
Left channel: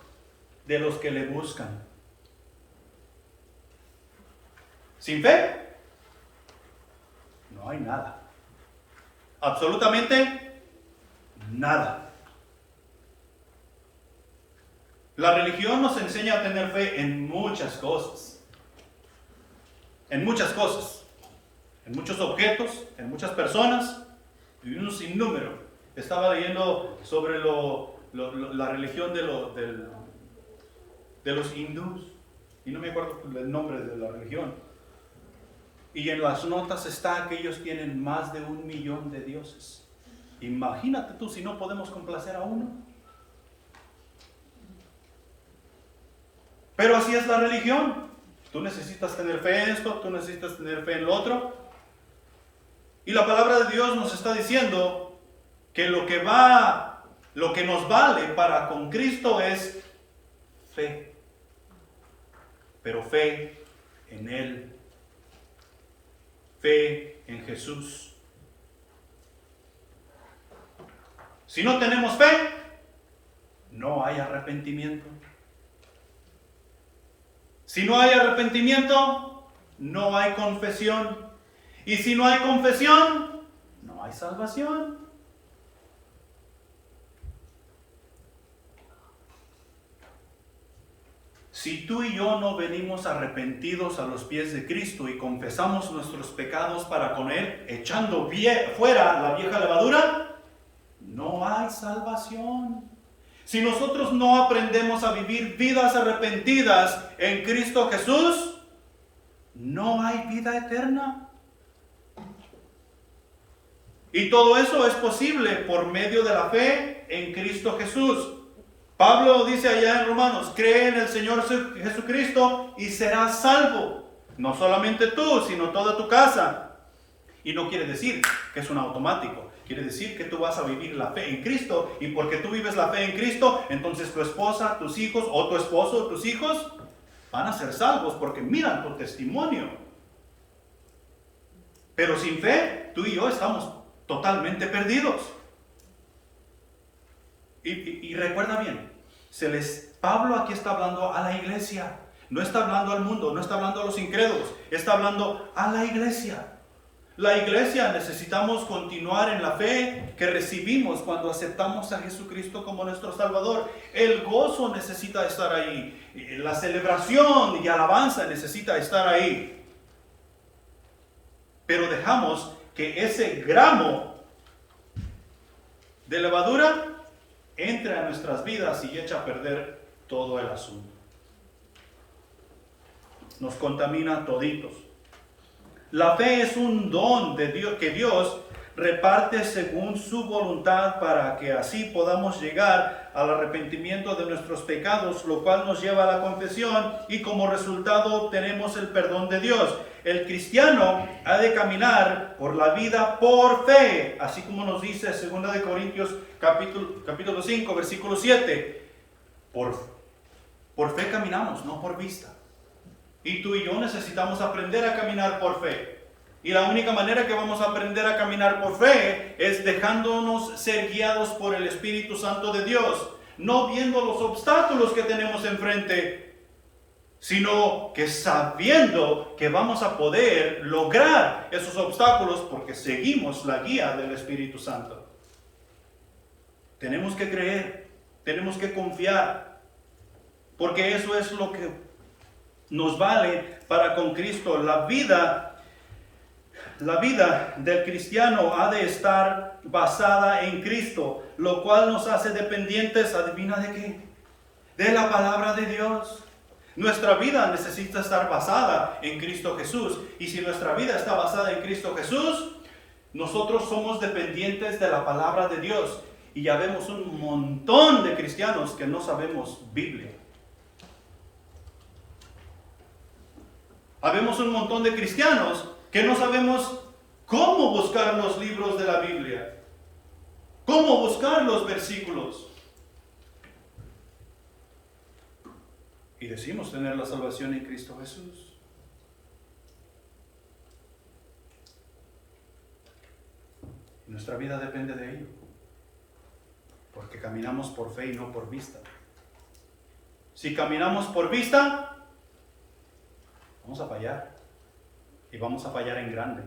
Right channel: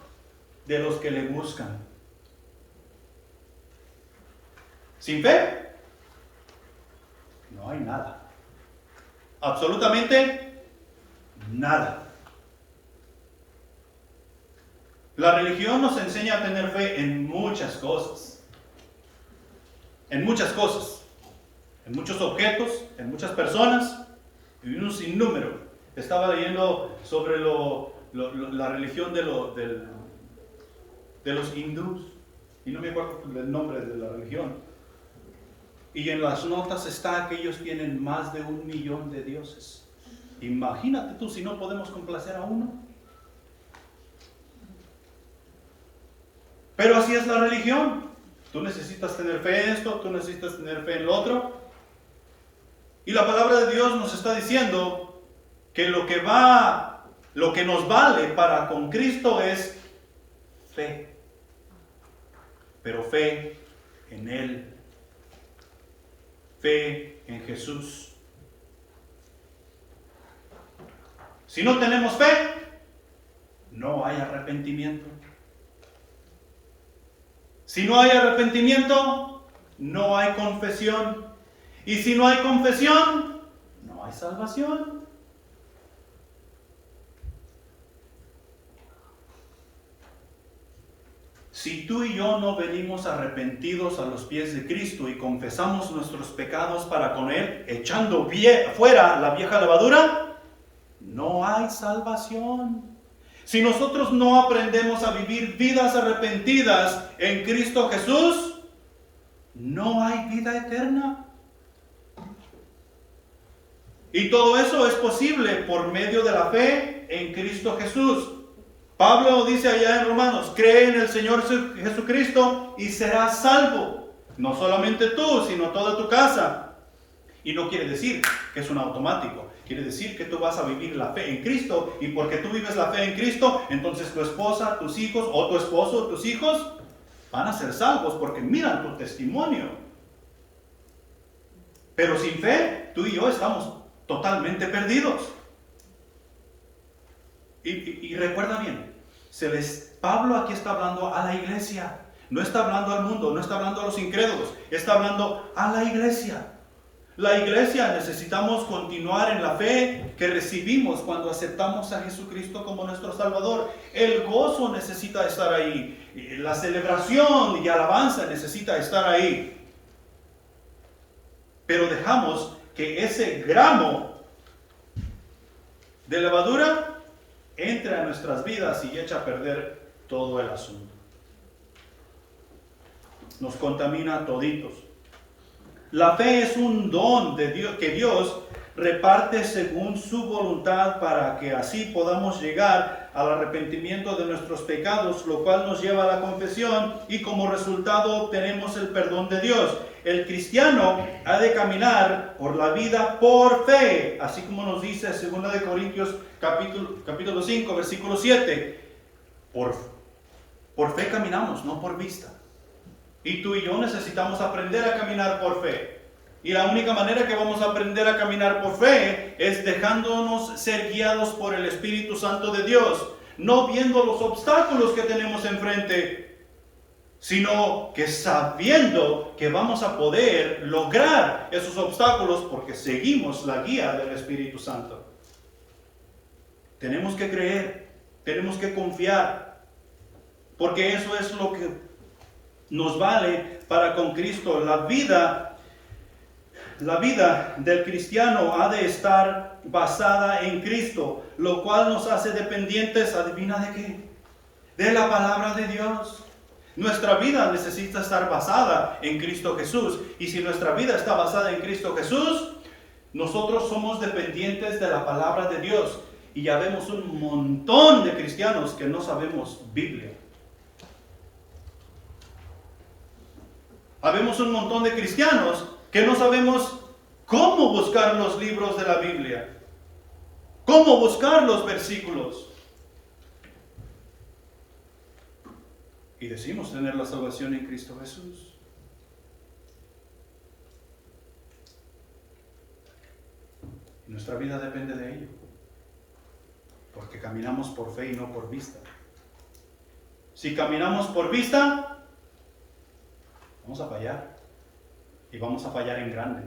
de los que le buscan. Sin fe no hay nada. Absolutamente nada. La religión nos enseña a tener fe en muchas cosas. En muchas cosas. En muchos objetos, en muchas personas y un sinnúmero. Estaba leyendo sobre la religión de los hindús. Y no me acuerdo del nombre de la religión. Y en las notas está que ellos tienen más de 1 millón de dioses. Imagínate tú si no podemos complacer a uno. Pero así es la religión. Tú necesitas tener fe en esto, tú necesitas tener fe en lo otro. Y la palabra de Dios nos está diciendo que lo que nos vale para con Cristo es fe. Pero fe en Él. Fe en Jesús. Si no tenemos fe, no hay arrepentimiento. Si no hay arrepentimiento, no hay confesión. Y si no hay confesión, no hay salvación. Si tú y yo no venimos arrepentidos a los pies de Cristo y confesamos nuestros pecados para con Él, echando fuera la vieja levadura, no hay salvación. Si nosotros no aprendemos a vivir vidas arrepentidas en Cristo Jesús, no hay vida eterna. Y todo eso es posible por medio de la fe en Cristo Jesús. Pablo dice allá en Romanos, cree en el Señor Jesucristo y serás salvo. No solamente tú, sino toda tu casa. Y no quiere decir que es un automático. Quiere decir que tú vas a vivir la fe en Cristo. Y porque tú vives la fe en Cristo, entonces tu esposa, tus hijos, o tu esposo, tus hijos, van a ser salvos porque miran tu testimonio. Pero sin fe, tú y yo estamos totalmente perdidos. Y recuerda bien, Pablo aquí está hablando a la iglesia, no está hablando al mundo, no está hablando a los incrédulos, está hablando a la iglesia. La iglesia necesitamos continuar en la fe que recibimos cuando aceptamos a Jesucristo como nuestro Salvador. El gozo necesita estar ahí, la celebración y alabanza necesita estar ahí. Pero dejamos que ese gramo de levadura entre a nuestras vidas y echa a perder todo el asunto. Nos contamina toditos. La fe es un don de Dios que Dios reparte según su voluntad para que así podamos llegar al arrepentimiento de nuestros pecados, lo cual nos lleva a la confesión y como resultado obtenemos el perdón de Dios. El cristiano ha de caminar por la vida por fe, así como nos dice 2 de Corintios capítulo 5, versículo 7. Por fe caminamos, no por vista. Y tú y yo necesitamos aprender a caminar por fe. Y la única manera que vamos a aprender a caminar por fe es dejándonos ser guiados por el Espíritu Santo de Dios, no viendo los obstáculos que tenemos enfrente, sino que sabiendo que vamos a poder lograr esos obstáculos porque seguimos la guía del Espíritu Santo. Tenemos que creer, tenemos que confiar, porque eso es lo que nos vale para con Cristo. La vida del cristiano ha de estar basada en Cristo, lo cual nos hace dependientes, ¿adivina de qué? De la palabra de Dios. Nuestra vida necesita estar basada en Cristo Jesús. Y si nuestra vida está basada en Cristo Jesús, nosotros somos dependientes de la palabra de Dios. Y ya vemos un montón de cristianos que no sabemos Biblia. Habemos un montón de cristianos que no sabemos cómo buscar los libros de la Biblia, cómo buscar los versículos. Y decimos tener la salvación en Cristo Jesús. Y nuestra vida depende de ello, porque caminamos por fe y no por vista. Si caminamos por vista, vamos a fallar, y vamos a fallar en grande.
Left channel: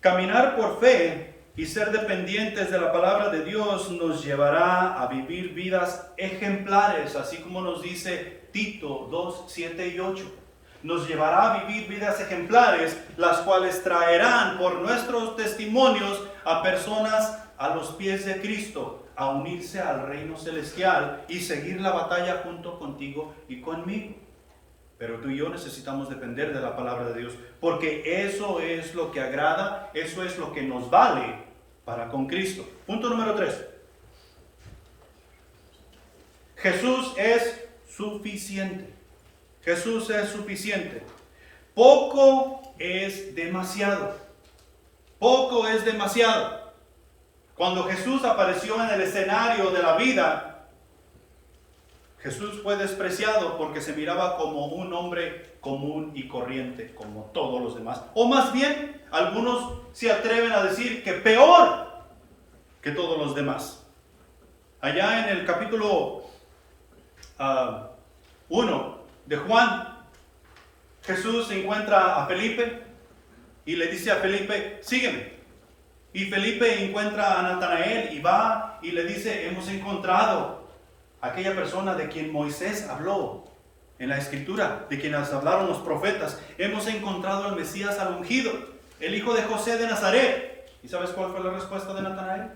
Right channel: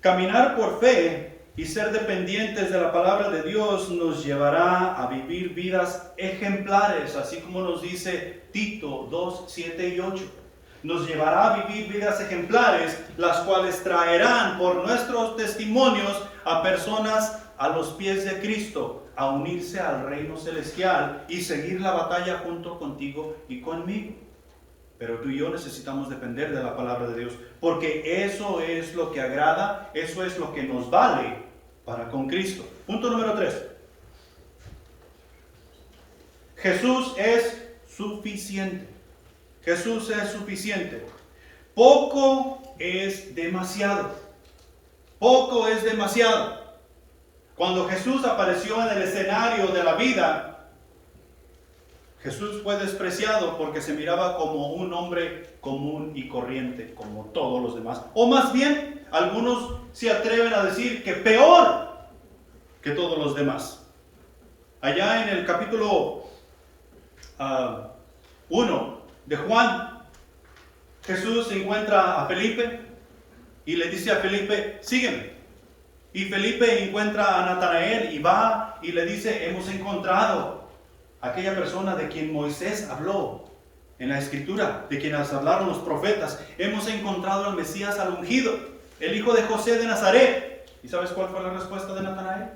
Caminar por fe y ser dependientes de la palabra de Dios nos llevará a vivir vidas ejemplares, así como nos dice Tito 2, 7 y 8. Nos llevará a vivir vidas ejemplares, las cuales traerán por nuestros testimonios a personas a los pies de Cristo, a unirse al reino celestial y seguir la batalla junto contigo y conmigo. Pero tú y yo necesitamos depender de la palabra de Dios, porque eso es lo que agrada, eso es lo que nos vale para con Cristo. Punto número 3. Jesús es suficiente. Jesús es suficiente. Poco es demasiado. Poco es demasiado. Cuando Jesús apareció en el escenario de la vida, Jesús fue despreciado porque se miraba como un hombre común y corriente, como todos los demás. O más bien, algunos se atreven a decir que peor que todos los demás. Allá en el capítulo 1 de Juan, Jesús encuentra a Felipe y le dice a Felipe, sígueme. Y Felipe encuentra a Natanael y va y le dice, hemos encontrado a aquella persona de quien Moisés habló en la escritura, de quienes hablaron los profetas. Hemos encontrado al Mesías, al ungido, el hijo de José de Nazaret. ¿Y sabes cuál fue la respuesta de Natanael?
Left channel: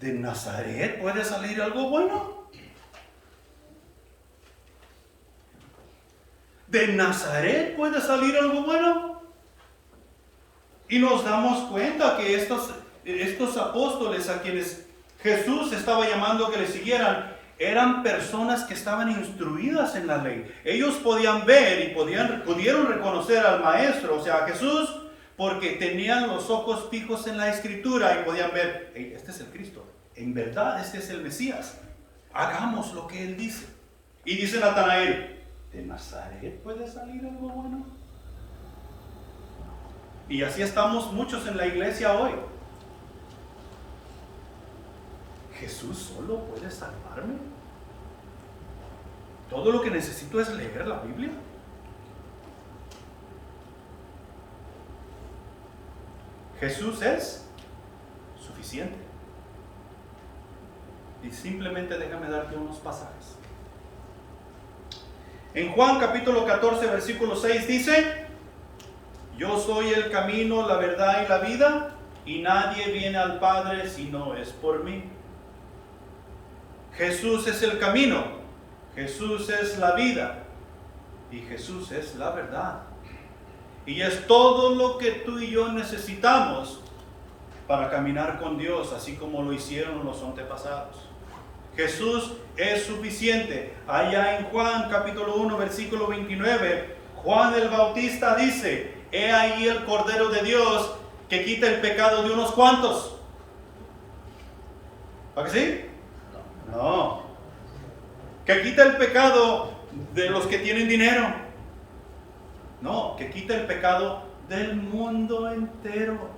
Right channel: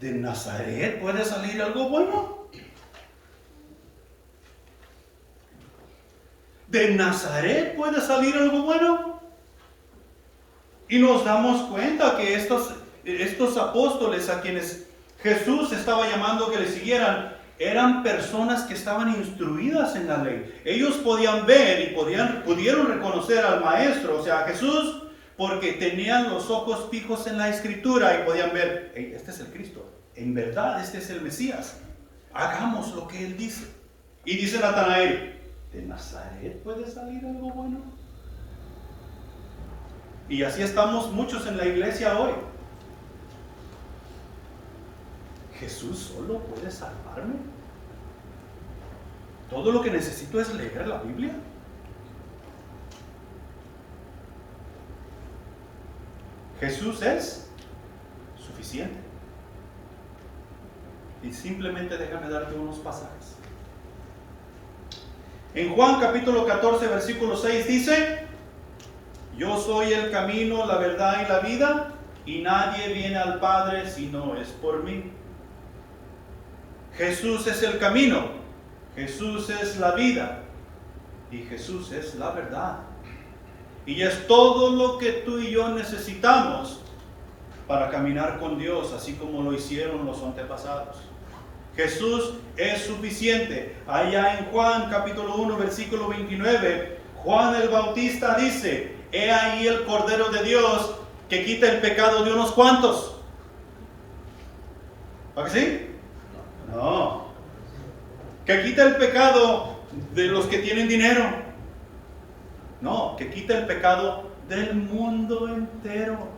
¿De Nazaret puede salir algo bueno? ¿De Nazaret puede salir algo bueno? Y nos damos cuenta que estos apóstoles a quienes Jesús estaba llamando que le siguieran, eran personas que estaban instruidas en la ley. Ellos podían ver y pudieron reconocer al Maestro, o sea, a Jesús, porque tenían los ojos fijos en la Escritura y podían ver, hey, este es el Cristo, en verdad este es el Mesías, hagamos lo que Él dice. Y dice Natanael, ¿de Nazaret puede salir algo bueno? Y así estamos muchos en la iglesia hoy. ¿Jesús solo puede salvarme? ¿Todo lo que necesito es leer la Biblia? Jesús es suficiente. Y simplemente déjame darte unos pasajes. En Juan capítulo 14, versículo 6 dice, yo soy el camino, la verdad y la vida, y nadie viene al Padre si no es por mí. Jesús es el camino, Jesús es la vida, y Jesús es la verdad. Y es todo lo que tú y yo necesitamos para caminar con Dios, así como lo hicieron los antepasados. Jesús es suficiente. Allá en Juan capítulo 1, versículo 29, Juan el Bautista dice, he ahí el Cordero de Dios que quita el pecado de unos cuantos. ¿Para que sí? No. Que quita el pecado de los que tienen dinero. No, que quita el pecado del mundo entero.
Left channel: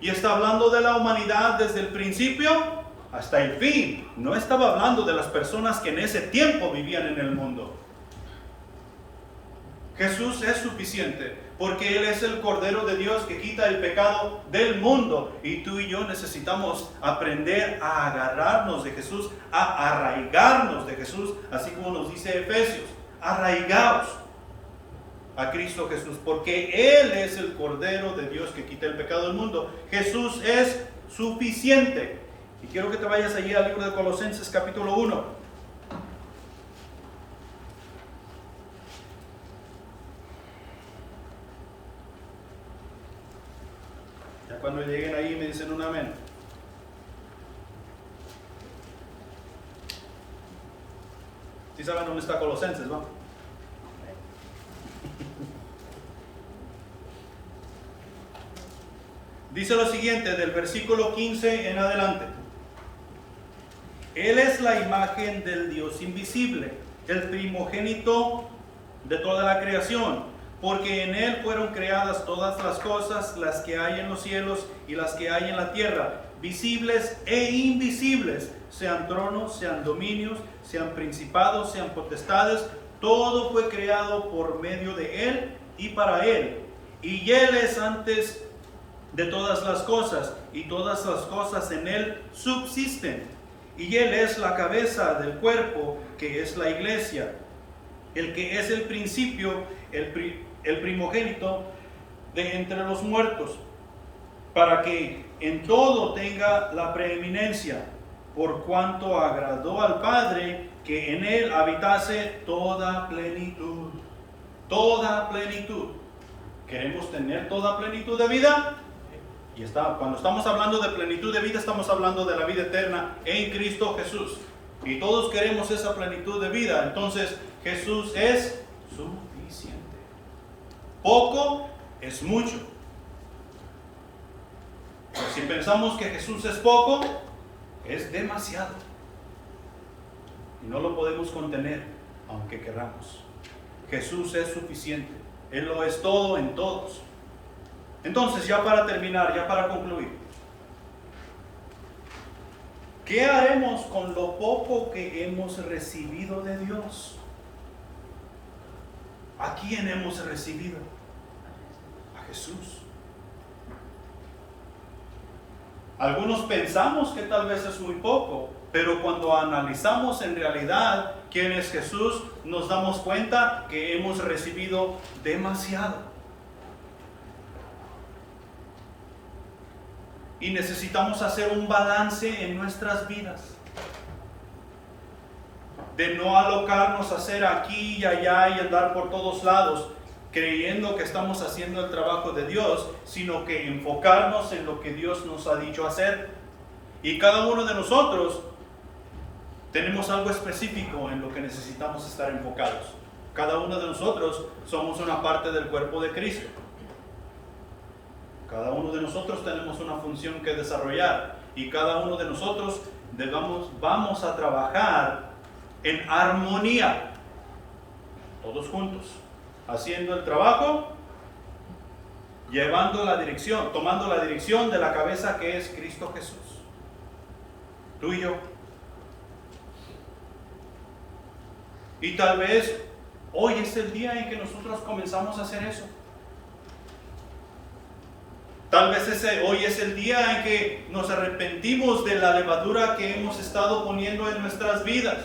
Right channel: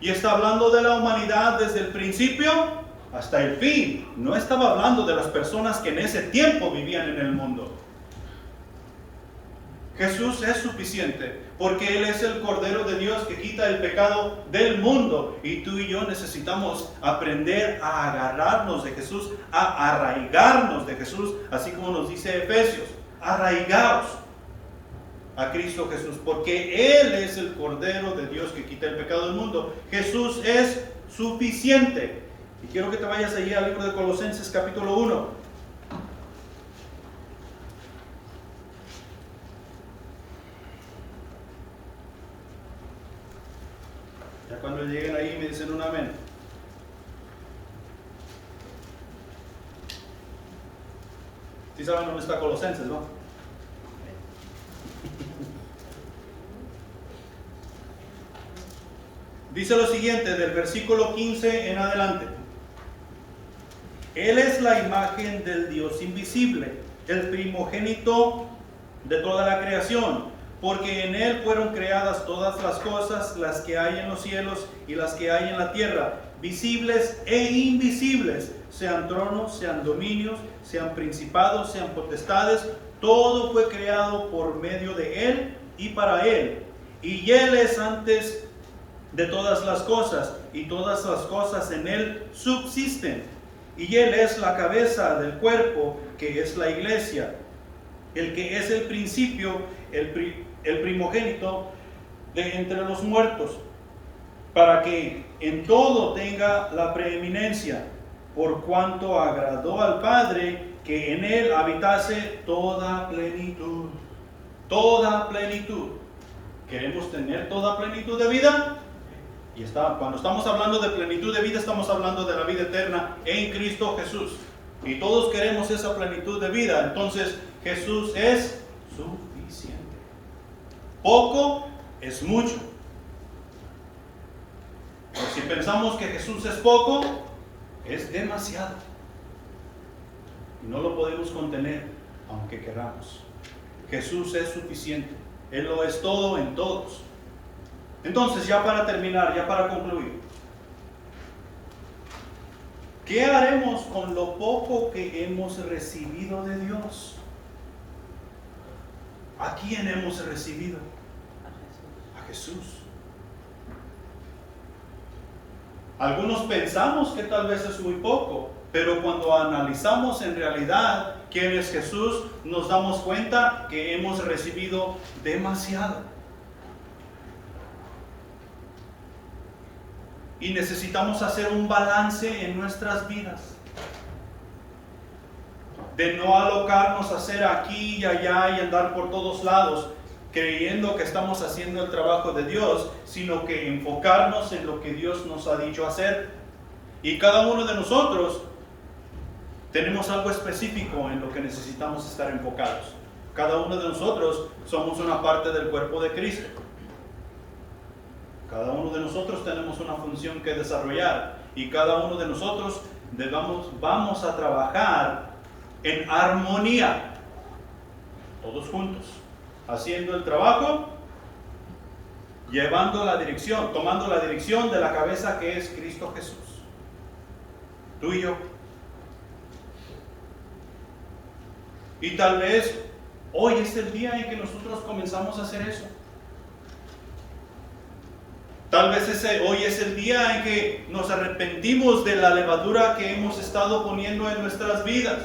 Y está hablando de la humanidad desde el principio hasta el fin. No estaba hablando de las personas que en ese tiempo vivían en el mundo. Jesús es suficiente porque Él es el Cordero de Dios que quita el pecado del mundo. Y tú y yo necesitamos aprender a agarrarnos de Jesús, a arraigarnos de Jesús, así como nos dice Efesios, arraigaos a Cristo Jesús, porque Él es el Cordero de Dios que quita el pecado del mundo. Jesús es suficiente. Y quiero que te vayas allí al libro de Colosenses capítulo 1. Ya cuando lleguen ahí me dicen un amén. ¿Sí saben dónde está Colosenses, no? Dice lo siguiente del versículo 15 en adelante. Él es la imagen del Dios invisible, el primogénito de toda la creación, porque en Él fueron creadas todas las cosas, las que hay en los cielos y las que hay en la tierra, visibles e invisibles, sean tronos, sean dominios, sean principados, sean potestades, todo fue creado por medio de Él y para Él. Y Él es antes de todas las cosas, y todas las cosas en Él subsisten. Y Él es la cabeza del cuerpo, que es la iglesia, el que es el principio, el primogénito de entre los muertos, para que en todo tenga la preeminencia, por cuanto agradó al Padre que en Él habitase toda plenitud. Toda plenitud. ¿Queremos tener toda plenitud de vida? Y cuando estamos hablando de plenitud de vida, estamos hablando de la vida eterna en Cristo Jesús. Y todos queremos esa plenitud de vida. Entonces, Jesús es suficiente. Poco es mucho. Pero si pensamos que Jesús es poco, es demasiado. Y no lo podemos contener, aunque queramos. Jesús es suficiente. Él lo es todo en todos. Entonces, ya para terminar, ya para concluir, ¿Qué haremos con lo poco que hemos recibido de Dios? ¿A quién hemos recibido? A Jesús. Algunos pensamos que tal vez es muy poco, pero cuando analizamos en realidad quién es Jesús, nos damos cuenta que hemos recibido demasiado. Y necesitamos hacer un balance en nuestras vidas. De no alocarnos a hacer aquí y allá y andar por todos lados, creyendo que estamos haciendo el trabajo de Dios, sino que enfocarnos en lo que Dios nos ha dicho hacer. Y cada uno de nosotros tenemos algo específico en lo que necesitamos estar enfocados. Cada uno de nosotros somos una parte del cuerpo de Cristo. Cada uno de nosotros tenemos una función que desarrollar y cada uno de nosotros vamos a trabajar en armonía, todos juntos, haciendo el trabajo, llevando la dirección, tomando la dirección de la cabeza que es Cristo Jesús. Tú y yo. Y tal vez hoy es el día en que nosotros comenzamos a hacer eso. Tal vez hoy es el día en que nos arrepentimos de la levadura que hemos estado poniendo en nuestras vidas,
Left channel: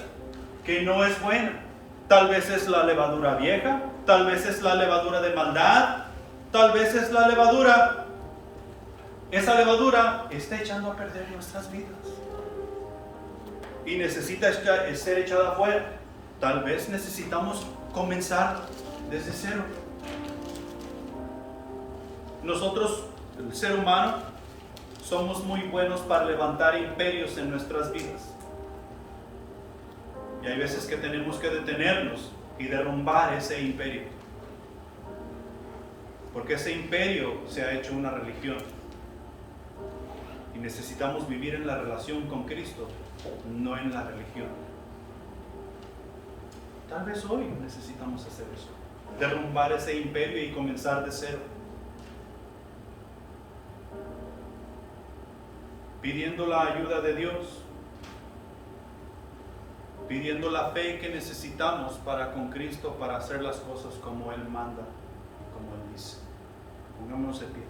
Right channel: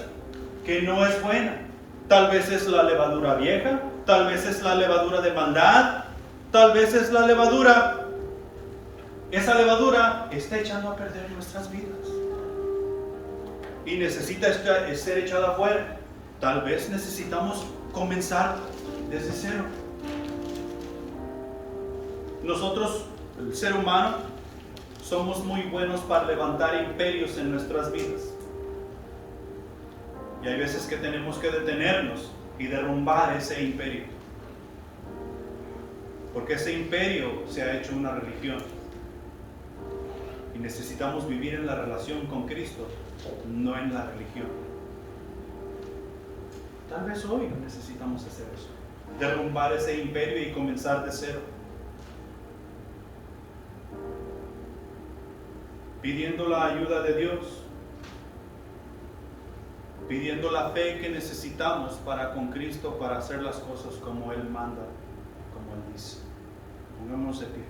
que no es buena. Tal vez es la levadura vieja, tal vez es la levadura de maldad, tal vez es la levadura. Esa levadura está echando a perder nuestras vidas y necesita ser echada afuera. Tal vez necesitamos comenzar desde cero. Nosotros, el ser humano, somos muy buenos para levantar imperios en nuestras vidas. Y hay veces que tenemos que detenernos y derrumbar ese imperio. Porque ese imperio se ha hecho una religión. Y necesitamos vivir en la relación con Cristo, no en la religión. Tal vez hoy necesitamos hacer eso. Derrumbar ese imperio y comenzar de cero. Pidiendo la ayuda de Dios. Pidiendo la fe que necesitamos para con Cristo, para hacer las cosas como Él manda, como Él dice. Pongámonos de pie.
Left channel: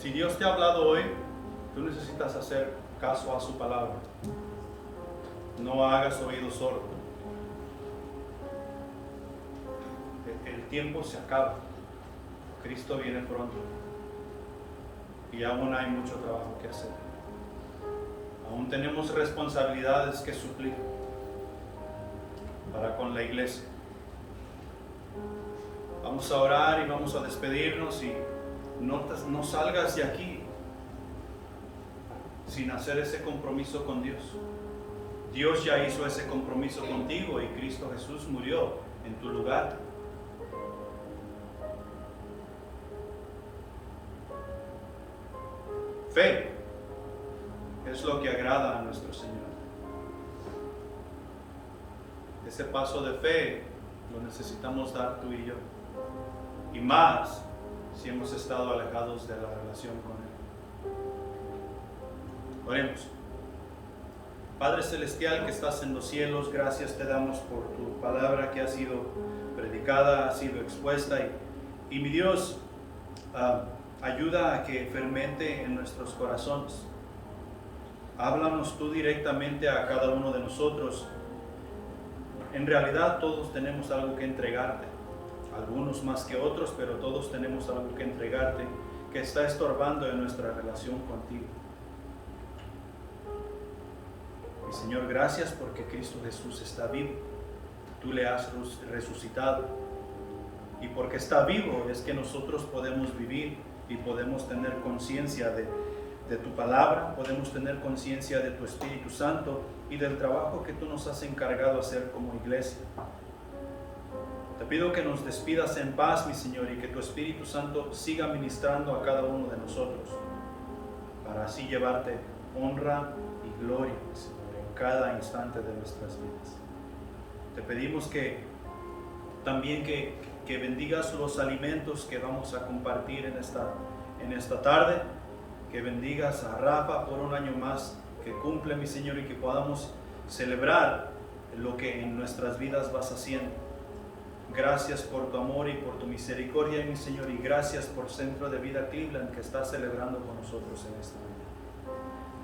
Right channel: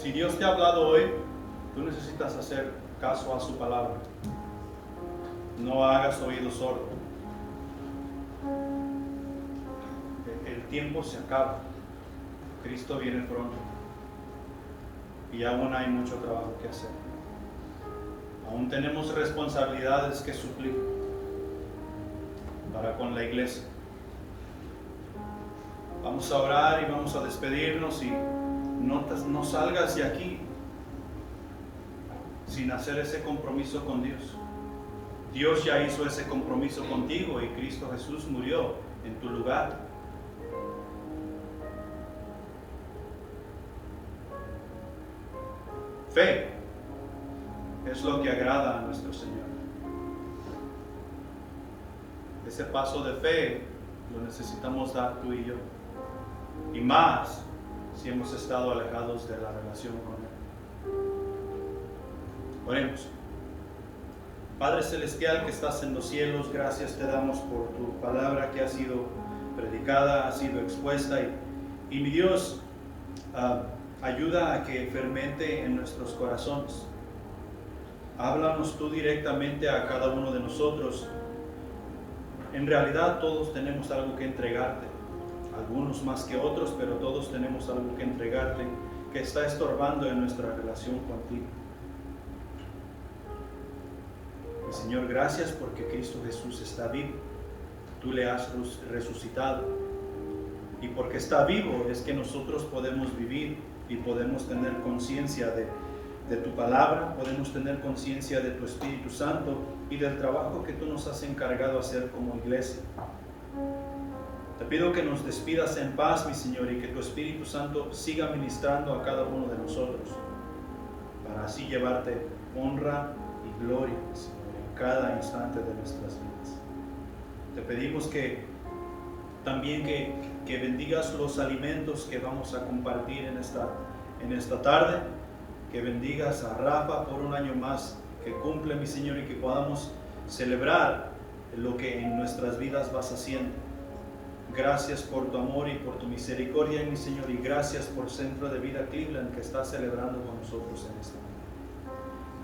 Si Dios te ha hablado hoy, tú necesitas hacer caso a su palabra. No hagas oído sordo. El tiempo se acaba. Cristo viene pronto. Y aún hay mucho trabajo que hacer. Aún tenemos responsabilidades que suplir para con la iglesia. Vamos a orar y vamos a despedirnos y no salgas de aquí sin hacer ese compromiso con Dios. Dios ya hizo ese compromiso contigo y Cristo Jesús murió en tu lugar. Fe es lo que agrada a nuestro Señor. Ese paso de fe lo necesitamos dar tú y yo. Y más si hemos estado alejados de la relación con Él. Oremos. Padre Celestial que estás en los cielos, gracias te damos por tu palabra que ha sido predicada, ha sido expuesta y mi Dios, ayuda a que fermente en nuestros corazones. Háblanos tú directamente a cada uno de nosotros. En realidad todos tenemos algo que entregarte, algunos más que otros, pero todos tenemos algo que entregarte que está estorbando en nuestra relación contigo. Y Señor, gracias porque Cristo Jesús está vivo. Tú le has resucitado. Y porque está vivo es que nosotros podemos vivir y podemos tener conciencia de tu palabra, podemos tener conciencia de tu Espíritu Santo y del trabajo que tú nos has encargado hacer como iglesia. Te pido que nos despidas en paz, mi Señor, y que tu Espíritu Santo siga ministrando a cada uno de nosotros para así llevarte honra y gloria, mi Señor, en cada instante de nuestras vidas. Te pedimos que también que bendigas los alimentos que vamos a compartir en esta tarde, que bendigas a Rafa por un año más que cumple, mi Señor, y que podamos celebrar lo que en nuestras vidas vas haciendo. Gracias por tu amor y por tu misericordia, mi Señor, y gracias por Centro de Vida Cleveland que está celebrando con nosotros en esta mañana.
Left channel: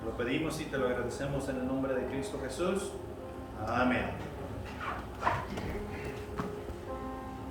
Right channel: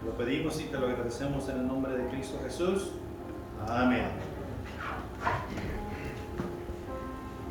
Lo pedimos y te lo agradecemos en el nombre de Cristo Jesús. Amén.